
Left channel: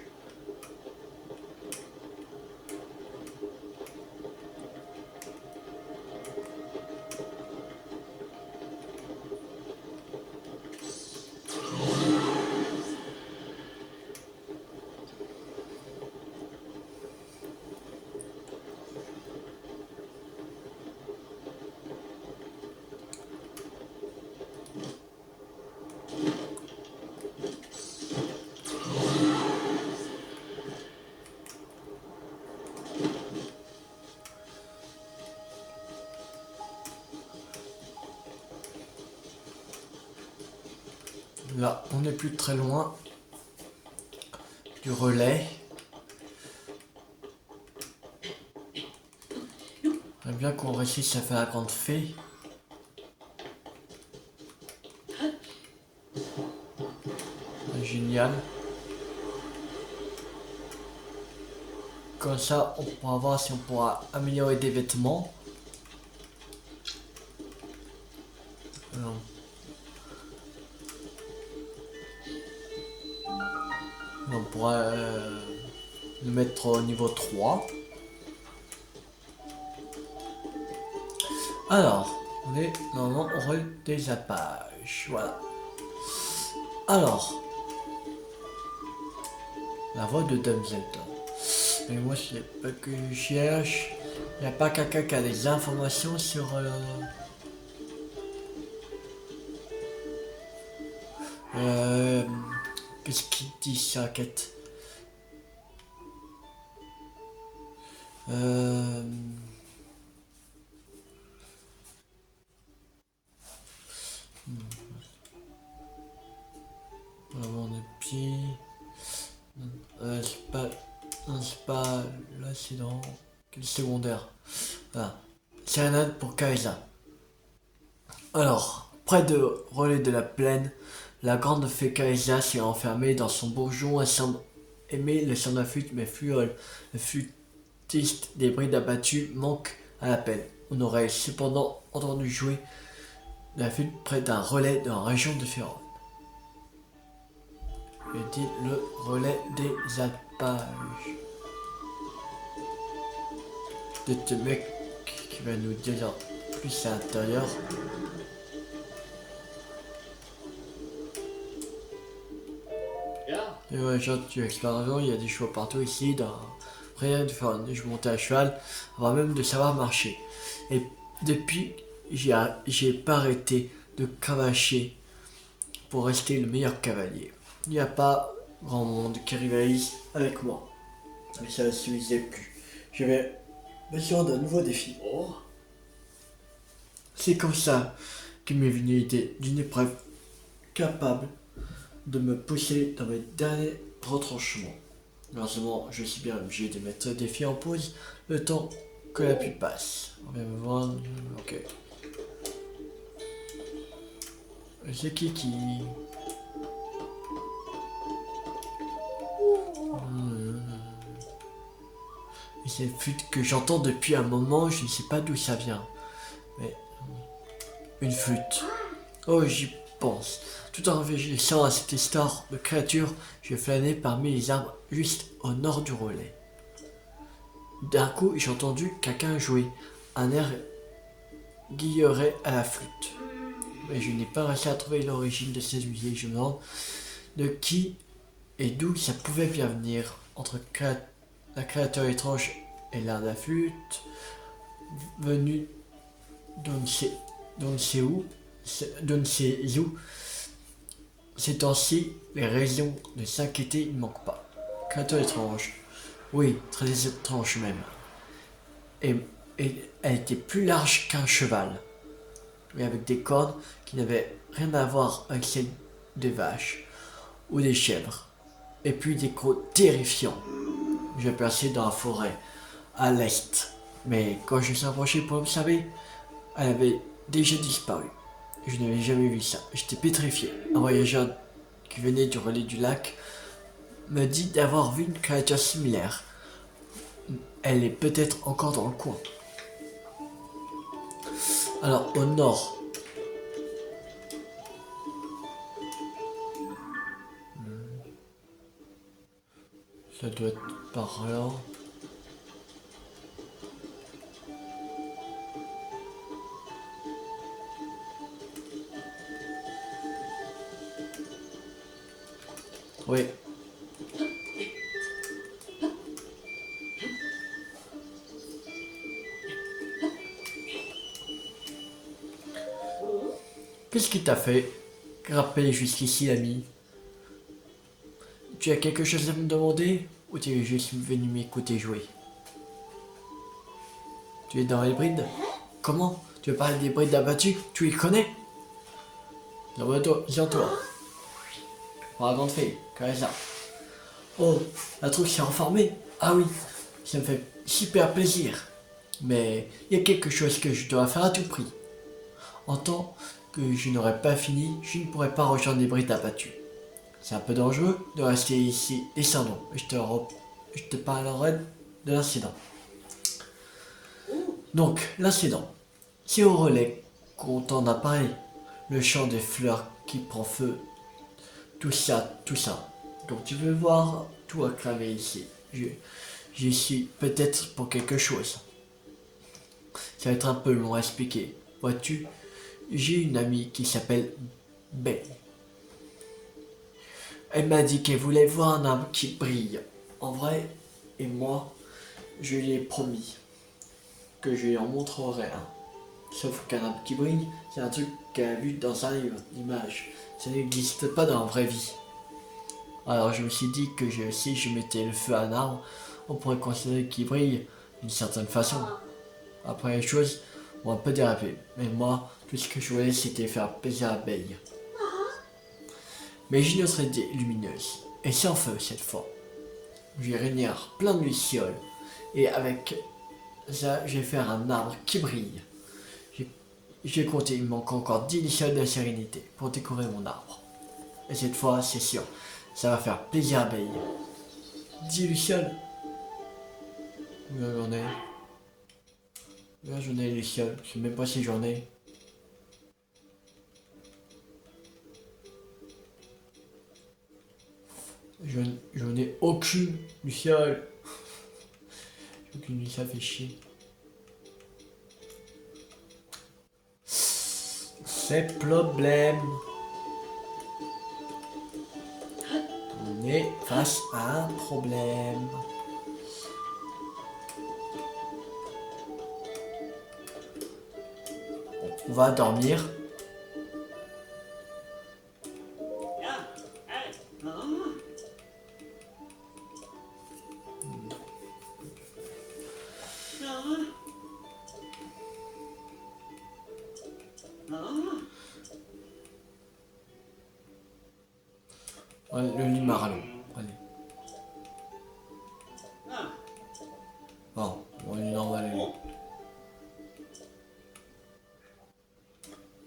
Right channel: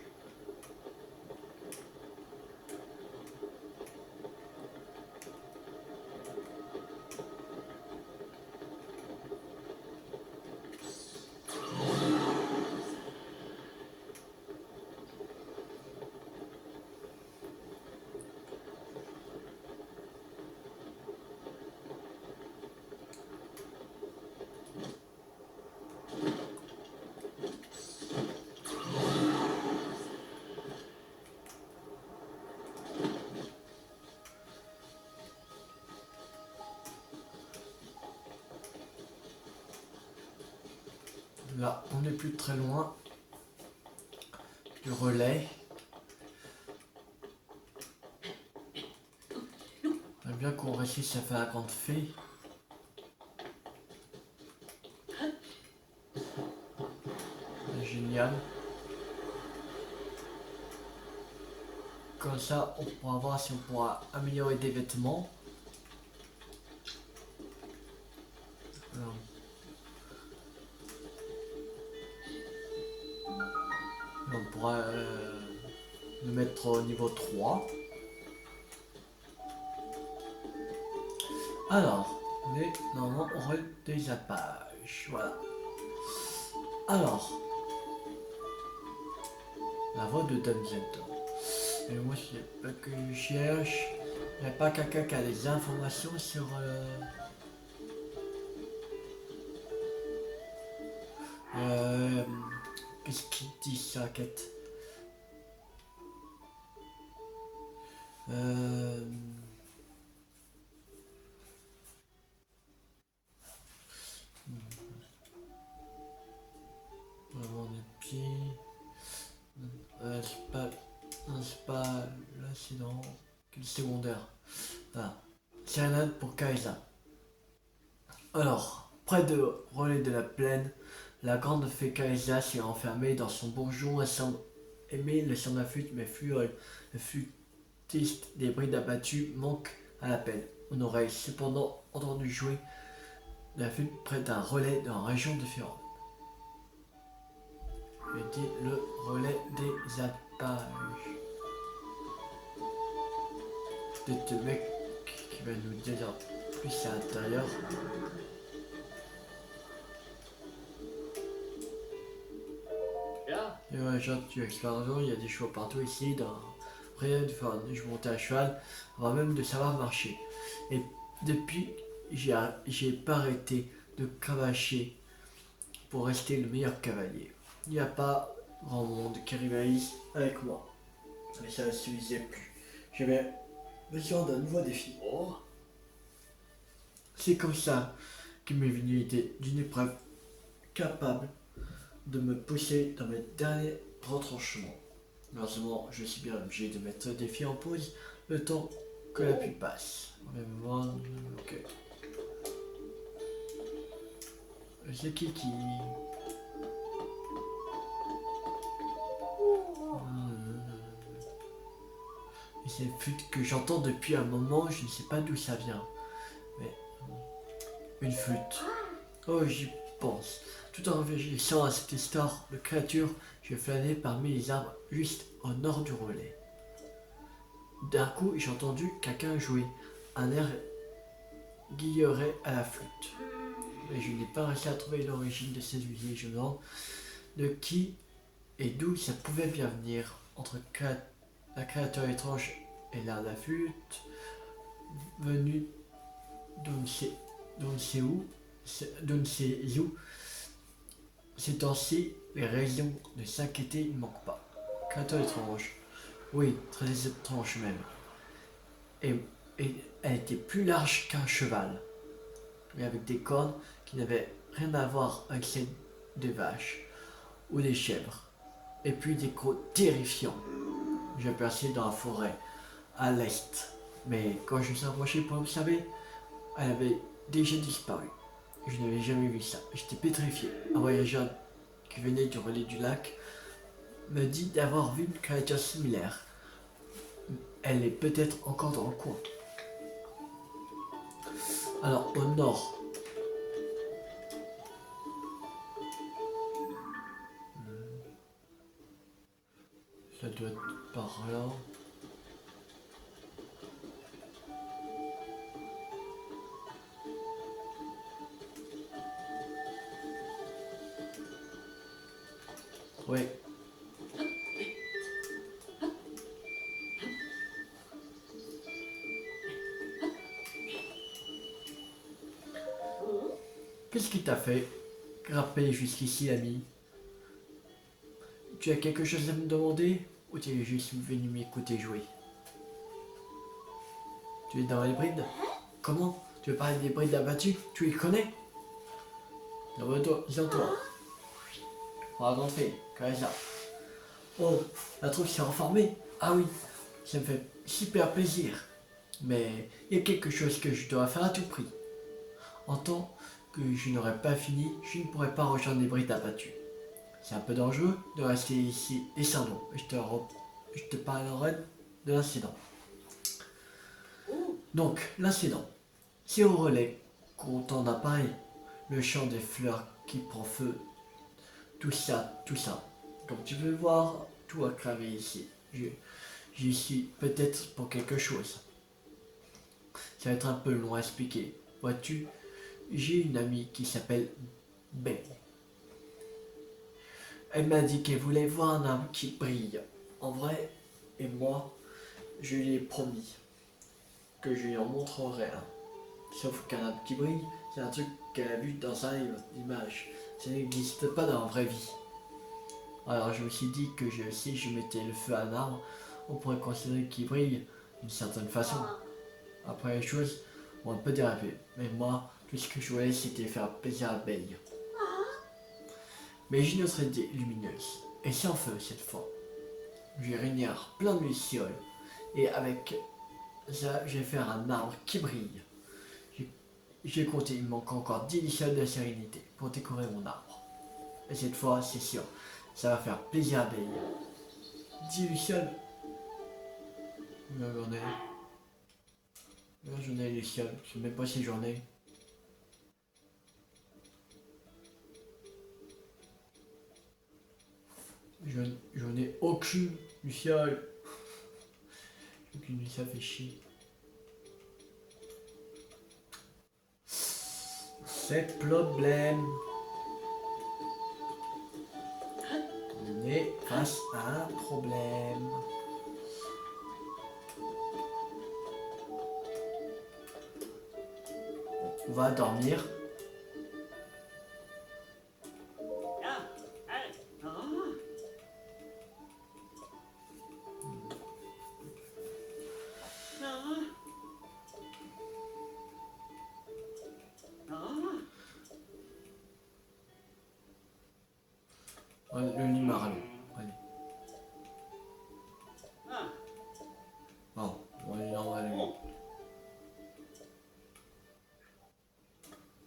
Là, on n'est plus très loin du relais. J'aimerais bien qu'on réussisse à faire la grande fée. Génial. Comme ça, on pourra voir si on pourra améliorer des vêtements. Alors, on pourra le mettre au niveau 3. Alors, on est normalement au rôle des alpages. Voilà. Alors, la voix de Dumbledore. Mais moi, c'est pas que je cherche. Il n'y a pas quelqu'un qui a des informations sur qu'est-ce qu'il dit sur la quête? Avant des pieds. C'est pas. Non, c'est pas l'accident. Quel secondaire. Voilà. Sérénade pour Kaisa. Alors, près de relais de la plaine, la grande fée Kaisa s'est enfermée dans son bourgeon. Elle semble aimer le son de la flûte, mais Fluol, le flûtiste des brides abattues, manque à l'appel. On aurait cependant entendu jouer de la flûte près d'un relais dans la région de Féron. Je dis le relais des alpages. Peut-être le mec qui va nous dire plus à l'intérieur. Et ouais, genre, tu explores l'avion, il y a des chevaux partout ici, dans rien de faire. Je montais à cheval, avant même de savoir marcher. Et depuis, j'ai pas arrêté de cravacher pour rester le meilleur cavalier. Il n'y a pas grand monde qui rivalise avec moi. Mais ça ne suffisait plus. J'avais besoin d'un nouveau défi. C'est comme ça que m'est venue l'idée d'une épreuve capable de me pousser dans mes derniers retranchements. Malheureusement, je suis bien obligé de mettre le défi en pause le temps que la pluie passe. On vient me voir. Ok. C'est qui C'est une flûte que j'entends depuis un moment, je ne sais pas d'où ça vient. Mais une flûte. Oh, j'y pense. Tout en réfléchissant à cette histoire de créature, je flânais parmi les arbres juste au nord du relais. D'un coup, j'ai entendu quelqu'un jouer un air guilleret à la flûte. Mais je n'ai pas réussi à trouver l'origine de cette musique. Je me demande de qui et d'où ça pouvait bien venir entre la créature étrange et l'air de la flûte, venu d'on ne sait où. Ces temps-ci, les raisons de s'inquiéter ne manquent pas. Créature étrange. Oui, très étrange même. Et, et elle était plus large qu'un cheval, mais avec des cornes qui n'avaient rien à voir avec celles des vaches ou des chèvres. Et puis des crocs terrifiants. J'ai percé dans la forêt, à l'est. Mais quand je me suis approché pour observer, elle avait déjà disparu. Je n'avais jamais vu ça. J'étais pétrifié. Un voyageur qui venait du relais du lac me dit d'avoir vu une créature similaire. Elle est peut-être encore dans le coin. Alors, au nord. Ça doit être par là. Oui. Qu'est-ce qui t'a fait grimper jusqu'ici, l'ami? Tu as quelque chose à me demander ou tu es juste venu m'écouter jouer? Tu es dans les brides? Comment? Tu veux parler des brides abattues? Tu les connais? Viens-toi. Pour la grande fée, Carissa. Oh, la troupe s'est reformée? Ah oui, ça me fait super plaisir. Mais il y a quelque chose que je dois faire à tout prix. En tant que je n'aurai pas fini, je ne pourrai pas rejoindre les brides abattues. C'est un peu dangereux de rester ici. Descendons, je te parlerai de l'incident. Donc, l'incident. C'est au relais qu'on entend apparaître le chant des fleurs qui prend feu. Tout ça. Donc tu peux voir tout acclamé ici. J'y suis peut-être pour quelque chose. Ça va être un peu long à expliquer. Vois-tu, j'ai une amie qui s'appelle Belle. Elle m'a dit qu'elle voulait voir un arbre qui brille. En vrai, et moi, je lui ai promis que je lui en montrerai un. Sauf qu'un arbre qui brille, c'est un truc qu'elle a vu dans un livre d'image. Ça n'existe pas dans la vraie vie. Alors je me suis dit que si je mettais le feu à un arbre, on pourrait considérer qu'il brille d'une certaine façon. Après les choses ont un peu dérapé. Mais moi, Tout ce que je voulais, c'était faire plaisir à Belle. Mais j'ai une autre idée lumineuse, et sans feu cette fois. Je vais réunir plein de lucioles, et avec ça, je vais faire un arbre qui brille. J'ai compté, il me manque encore 10 lucioles de sérénité pour décorer mon arbre. Et cette fois, c'est sûr, ça va faire plaisir à Belle. 10 lucioles. J'en ai. J'en ai les lucioles, je sais même pas si j'en ai. J'en ai aucune luciole. Aucune luciole, ça fait chier. C'est problème. On est face à un problème. Bon, on va dormir. Ouais, le lit maralon. Allez. Bon, on est normal. Lui.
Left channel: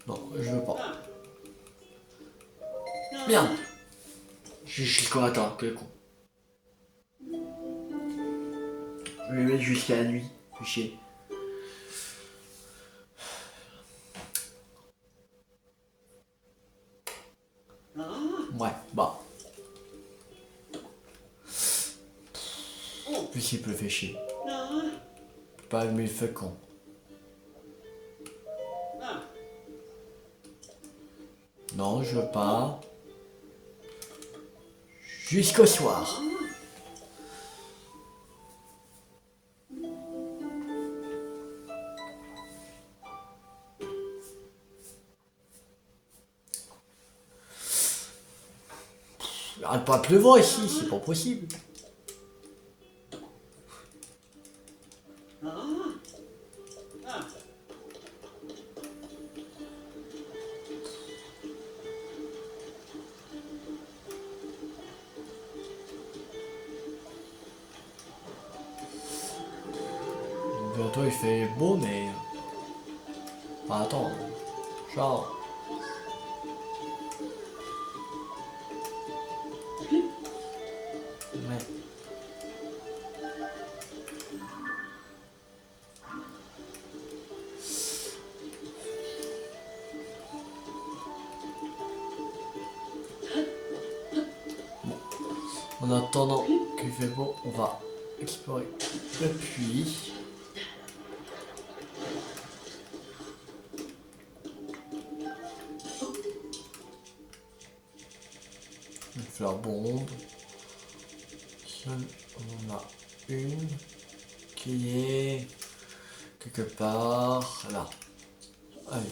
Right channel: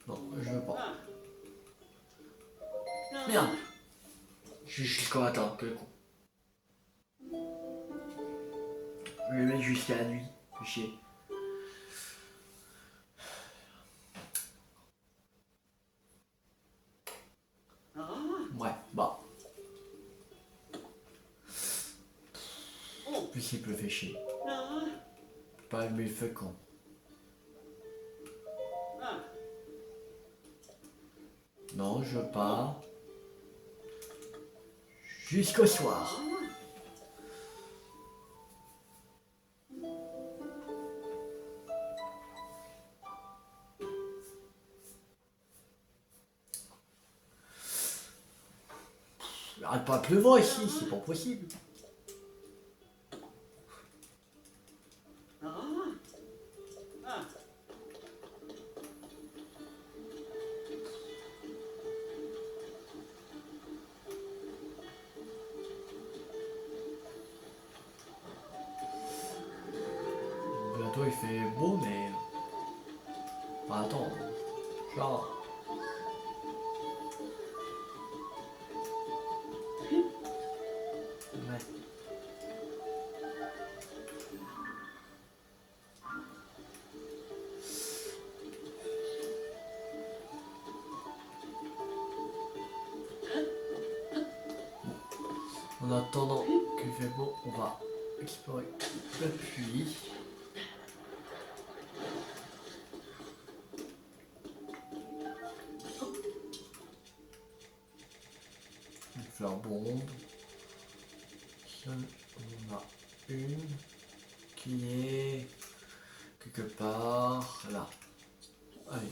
Non, je veux pas. Merde. Je suis qu'on attend, quel con. Je vais mettre jusqu'à la nuit. Fais chier. Ouais, bah. Plus il peut faire chier. Pas allumer le feu con. Non, je veux pas. Jusqu'au soir. Il arrête pas de pleuvoir ici, c'est pas possible. Bientôt il fait beau, mais. Bah, attends. Genre. Mais. Bon. En attendant qu'il fait beau, on va explorer le puits. Une fleur bombe. On en a une qui est quelque part là. Allez.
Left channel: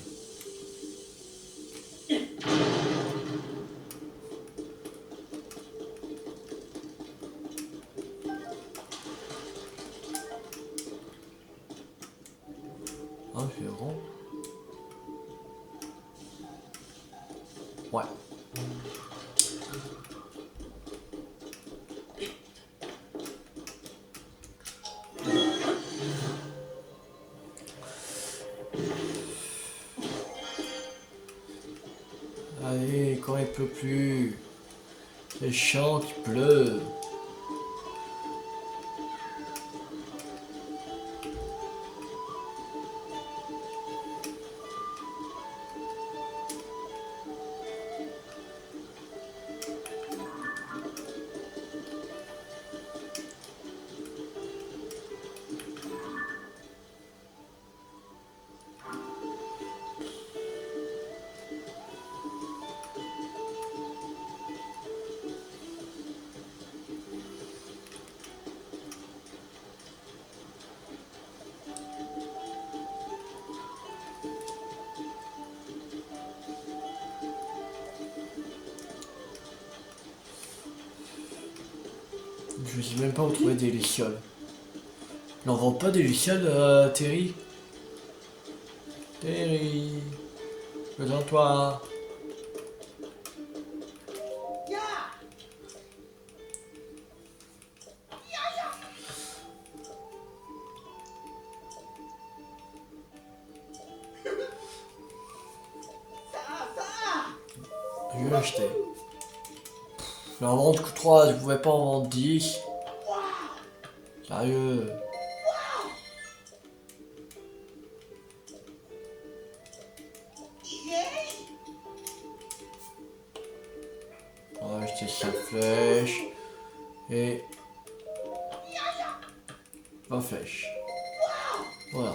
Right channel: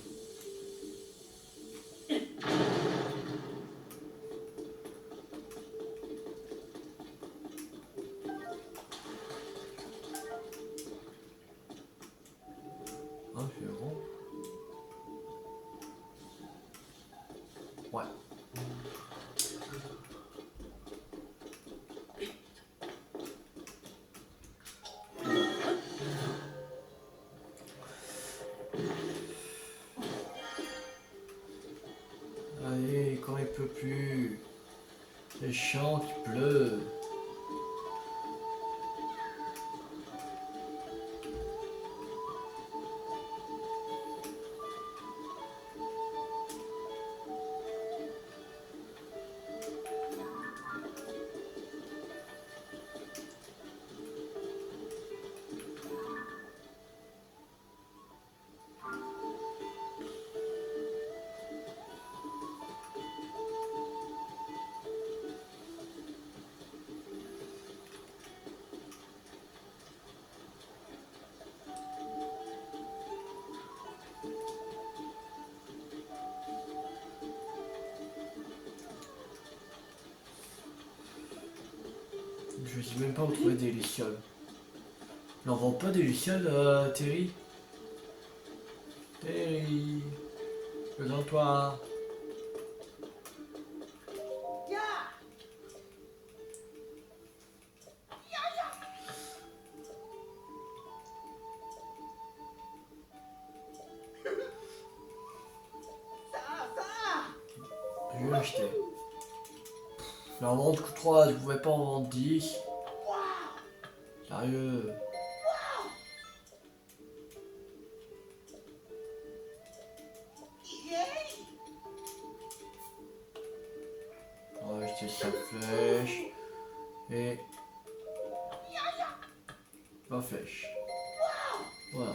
Un rond. Ouais. Allez, quand il pleut plus. C'est chiant qu'il pleut. Je sais même pas où trouver des lucioles. Il n'en vend pas des lucioles, Terry? Terry. Présente-toi. Je vais l'acheter. Je vais en vendre que 3, je pouvais pas en vendre 10. Sérieux. On va acheter 5 flèches. Et 20 flèches. Voilà.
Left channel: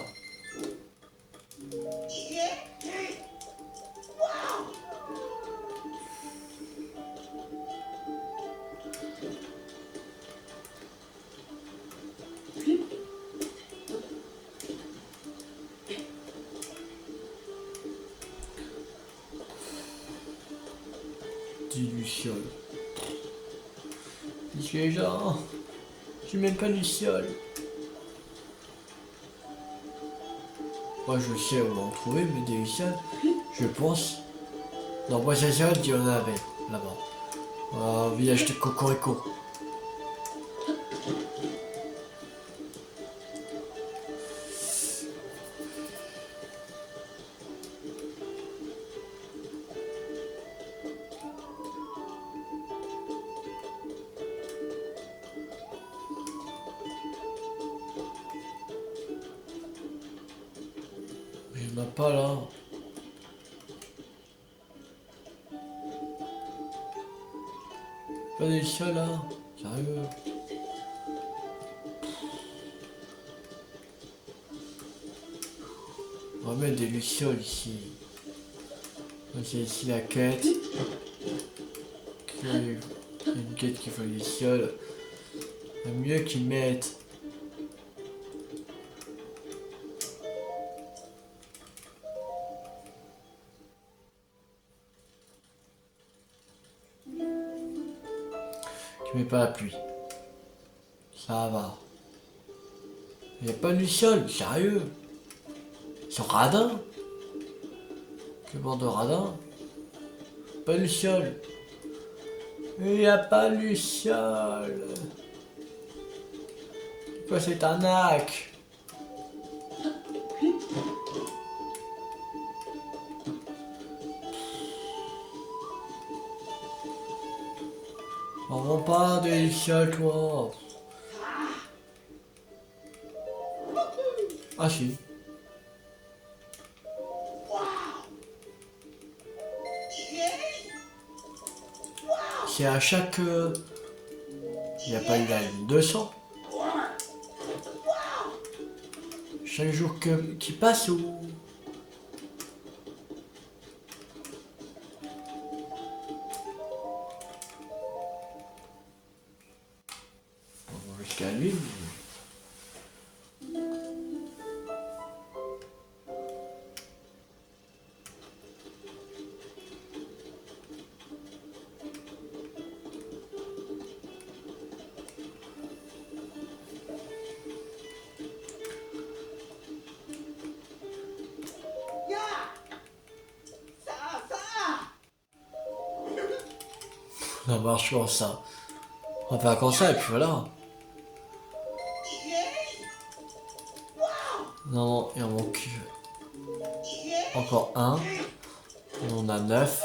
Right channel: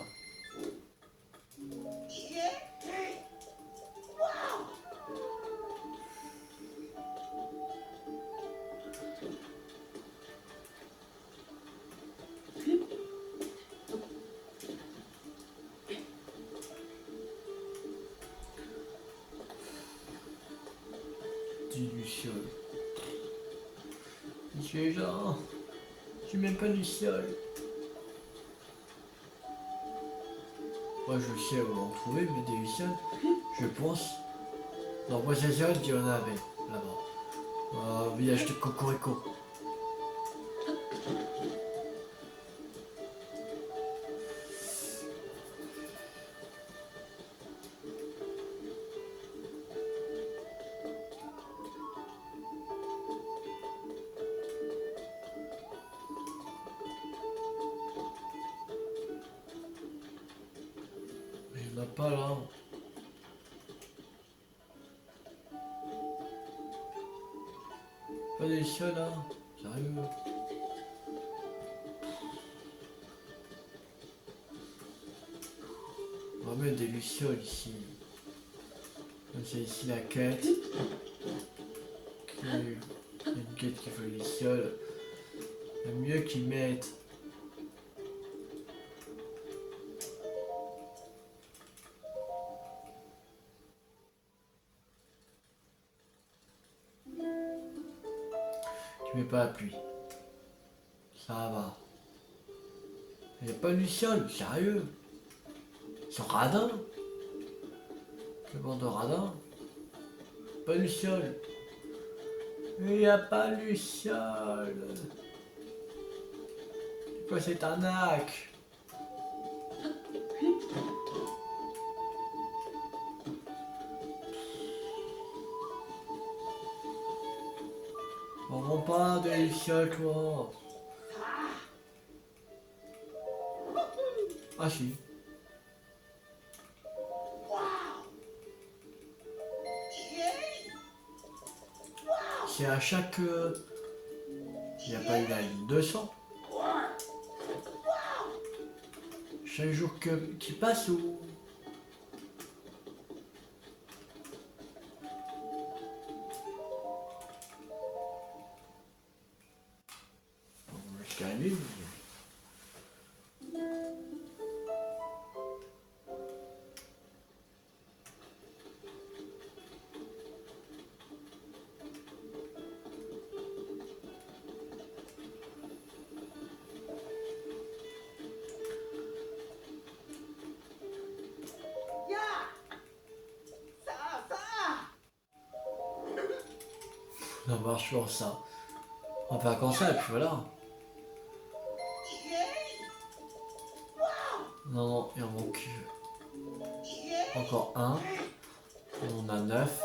Du luciole. Les gens, j'ai même pas luciole. Moi je sais où en trouver, mais des lucioles, je pense. Non, moi c'est sûr qu'il y en avait là-bas. Au village de Cocorico. Mais il n'y en a pas là. Pas des lucioles là. Sérieux. On va mettre des lucioles ici. C'est ici la quête. Une quête qui fait des lucioles. Il mieux qu'ils mettent. Tu mets pas la pluie. Ça va. Il n'y a pas de luciole, sérieux. C'est radin. Que bord de radin. Pas de luciole. Il n'y a pas de luciole. Quoi cette arnaque? On vend pas de luciole toi. Ah si. C'est à chaque... Il n'y a pas eu la ligne 200. Chaque jour qui passe ou... On va jusqu'à lui. Ça marche comme ça. On va faire comme ça et puis voilà. Non, il en manque encore un. On a 9.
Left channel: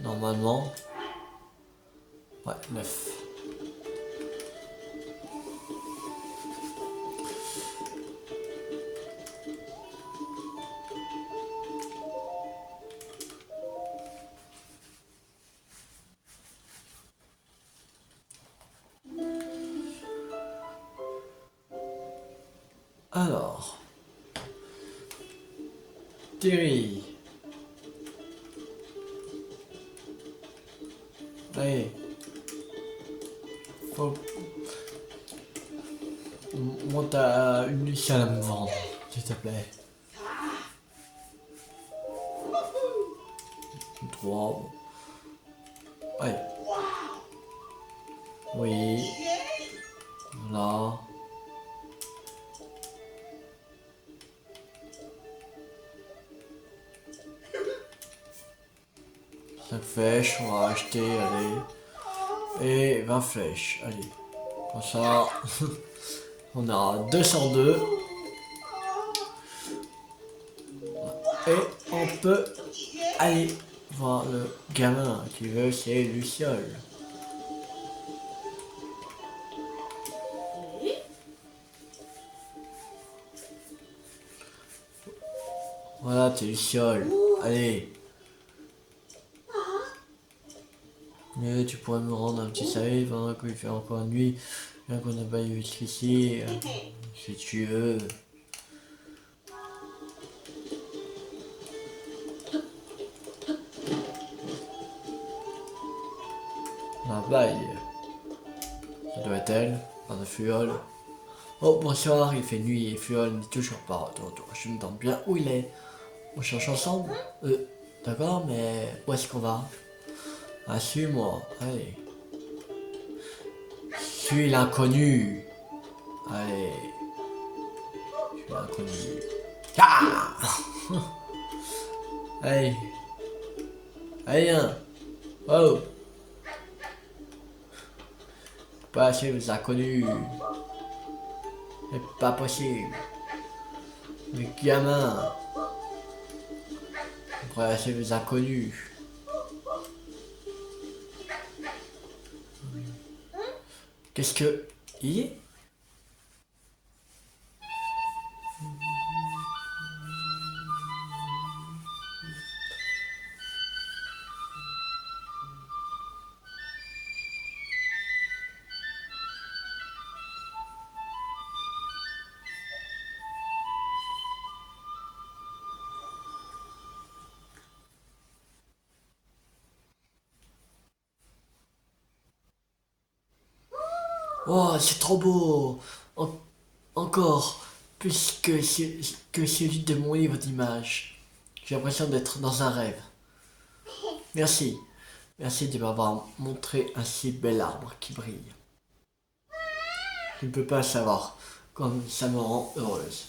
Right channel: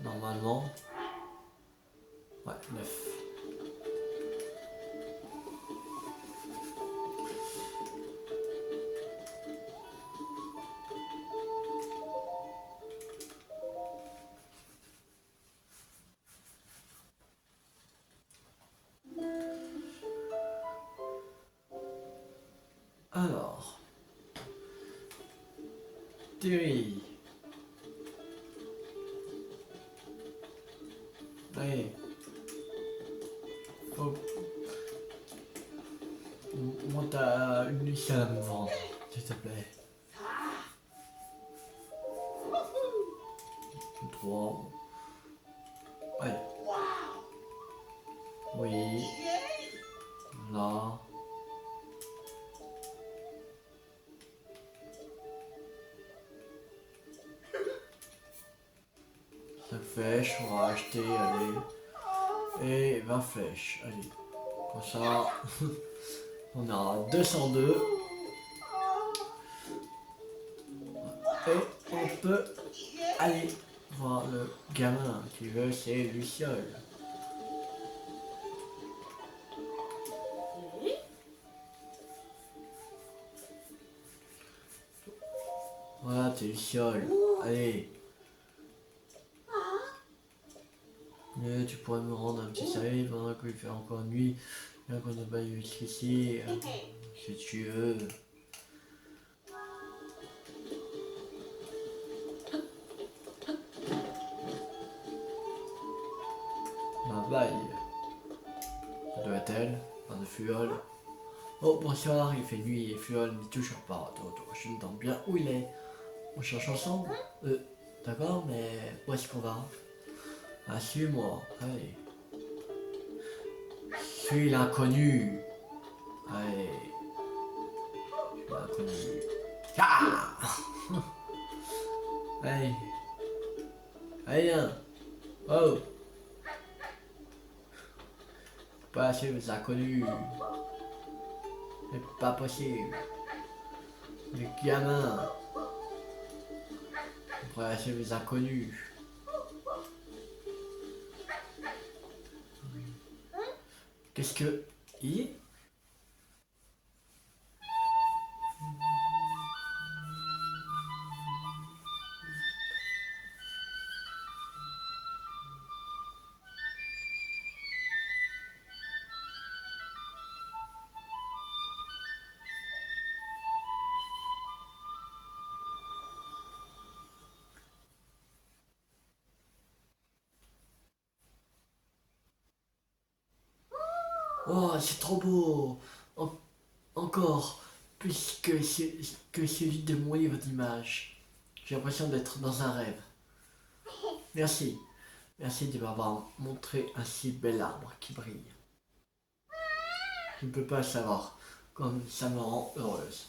Normalement. Ouais, 9. Alors. Terry. Allez. Faut... Monte à une luciole à me vendre, s'il te plaît. 3. Allez. Oui. Là. flèches, on va acheter, allez. Et 20 flèches, allez. Comme ça, on a 202. Et on peut aller voir le gamin qui veut ses lucioles. Voilà tes lucioles. Allez. Mais tu pourrais me rendre un petit service pendant qu'il fait encore nuit, bien qu'on n'a pas eu jusqu'ici, si tu veux. La baille. Ça doit être elle, dans le fiole. Oh bonsoir, il fait nuit et fiole n'est toujours pas de retour. Je me demande bien où il est. On cherche ensemble. D'accord, mais où est-ce qu'on va? Ah, suis-moi, allez. Suis l'inconnu. Allez. Suis l'inconnu. Ah. Allez. Allez, hein. Oh. Pas assez les inconnus. C'est pas possible. Les gamins. Pas assez les inconnus. Qu'est-ce que... Il... Oh, c'est trop beau. Encore plus que celui de mon livre d'images. J'ai l'impression d'être dans un rêve. Merci. Merci de m'avoir montré un si bel arbre qui brille. Tu ne peux pas savoir comme ça me rend heureuse.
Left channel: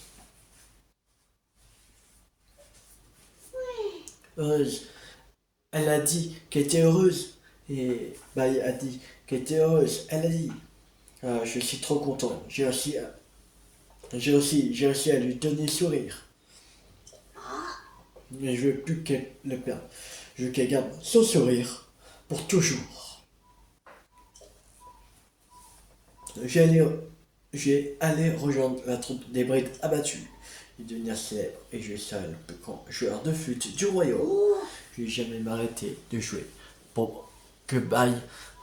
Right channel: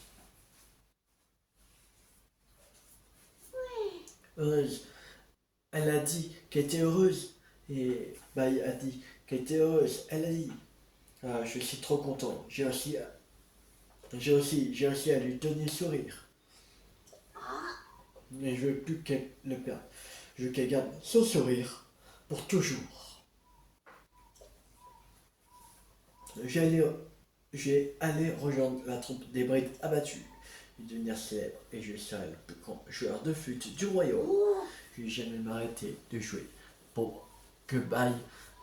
Heureuse. Elle a dit qu'elle était heureuse. Et Baï a dit qu'elle était heureuse. Elle a dit. Ah, je suis trop content. J'ai réussi à lui donner le sourire. Mais je veux plus qu'elle le perde. Je veux qu'elle garde son sourire pour toujours. J'ai allé rejoindre la troupe des brides abattues et devenir célèbre. Et je serai le plus grand joueur de flûte du royaume. Je vais jamais m'arrêter de jouer pour que Baï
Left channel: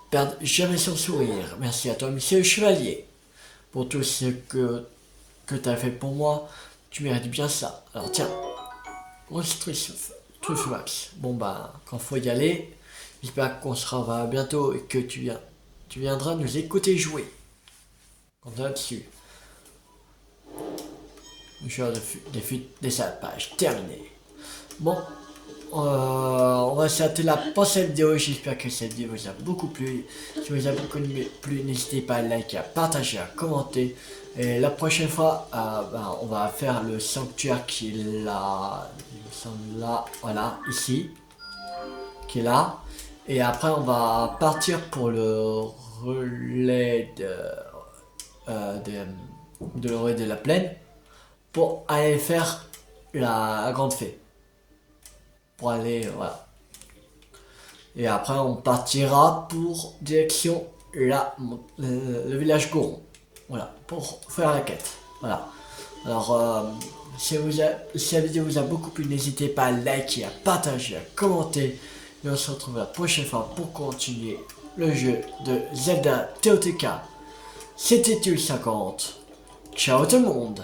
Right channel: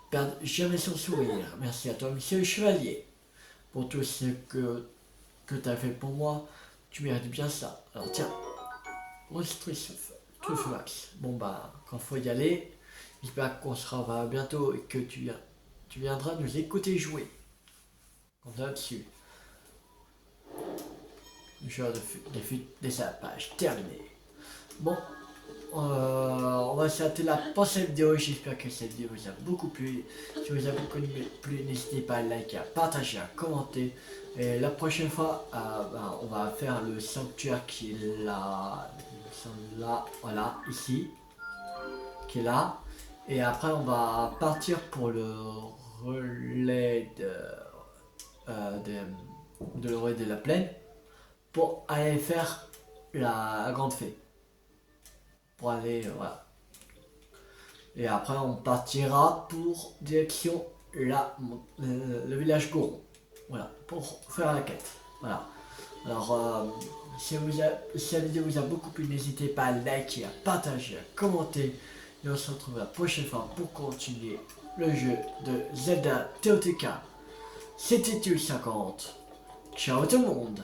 perde jamais son sourire. Merci à toi, monsieur le chevalier, pour tout ce que tu as fait pour moi. Tu mérites bien ça. Alors tiens, on se truffe Max. Bon bah, quand faut y aller, j'espère qu'on se revoit bientôt et que tu viendras nous écouter jouer. On est là-dessus. Le joueur des sapages terminé. Bon, on va s'arrêter là pour cette vidéo. J'espère que cette vidéo vous a beaucoup plu. Si vous a beaucoup plu, n'hésitez pas à liker, à partager, à commenter. Et la prochaine fois, on va faire le sanctuaire qui est là. Là, voilà, ici. Qui est là. Et après, on va partir pour le relais de l'orée de la plaine. Pour aller faire la grande fée. Pour aller, voilà. Et après, on partira pour direction le village Goron. Voilà, pour faire la quête. Voilà. Alors, si la vidéo vous a beaucoup plu, n'hésitez pas à liker, à partager, à commenter. Et on se retrouve la prochaine fois pour continuer le jeu de Zelda TOTK. C'était Tulle50. Ciao tout le monde!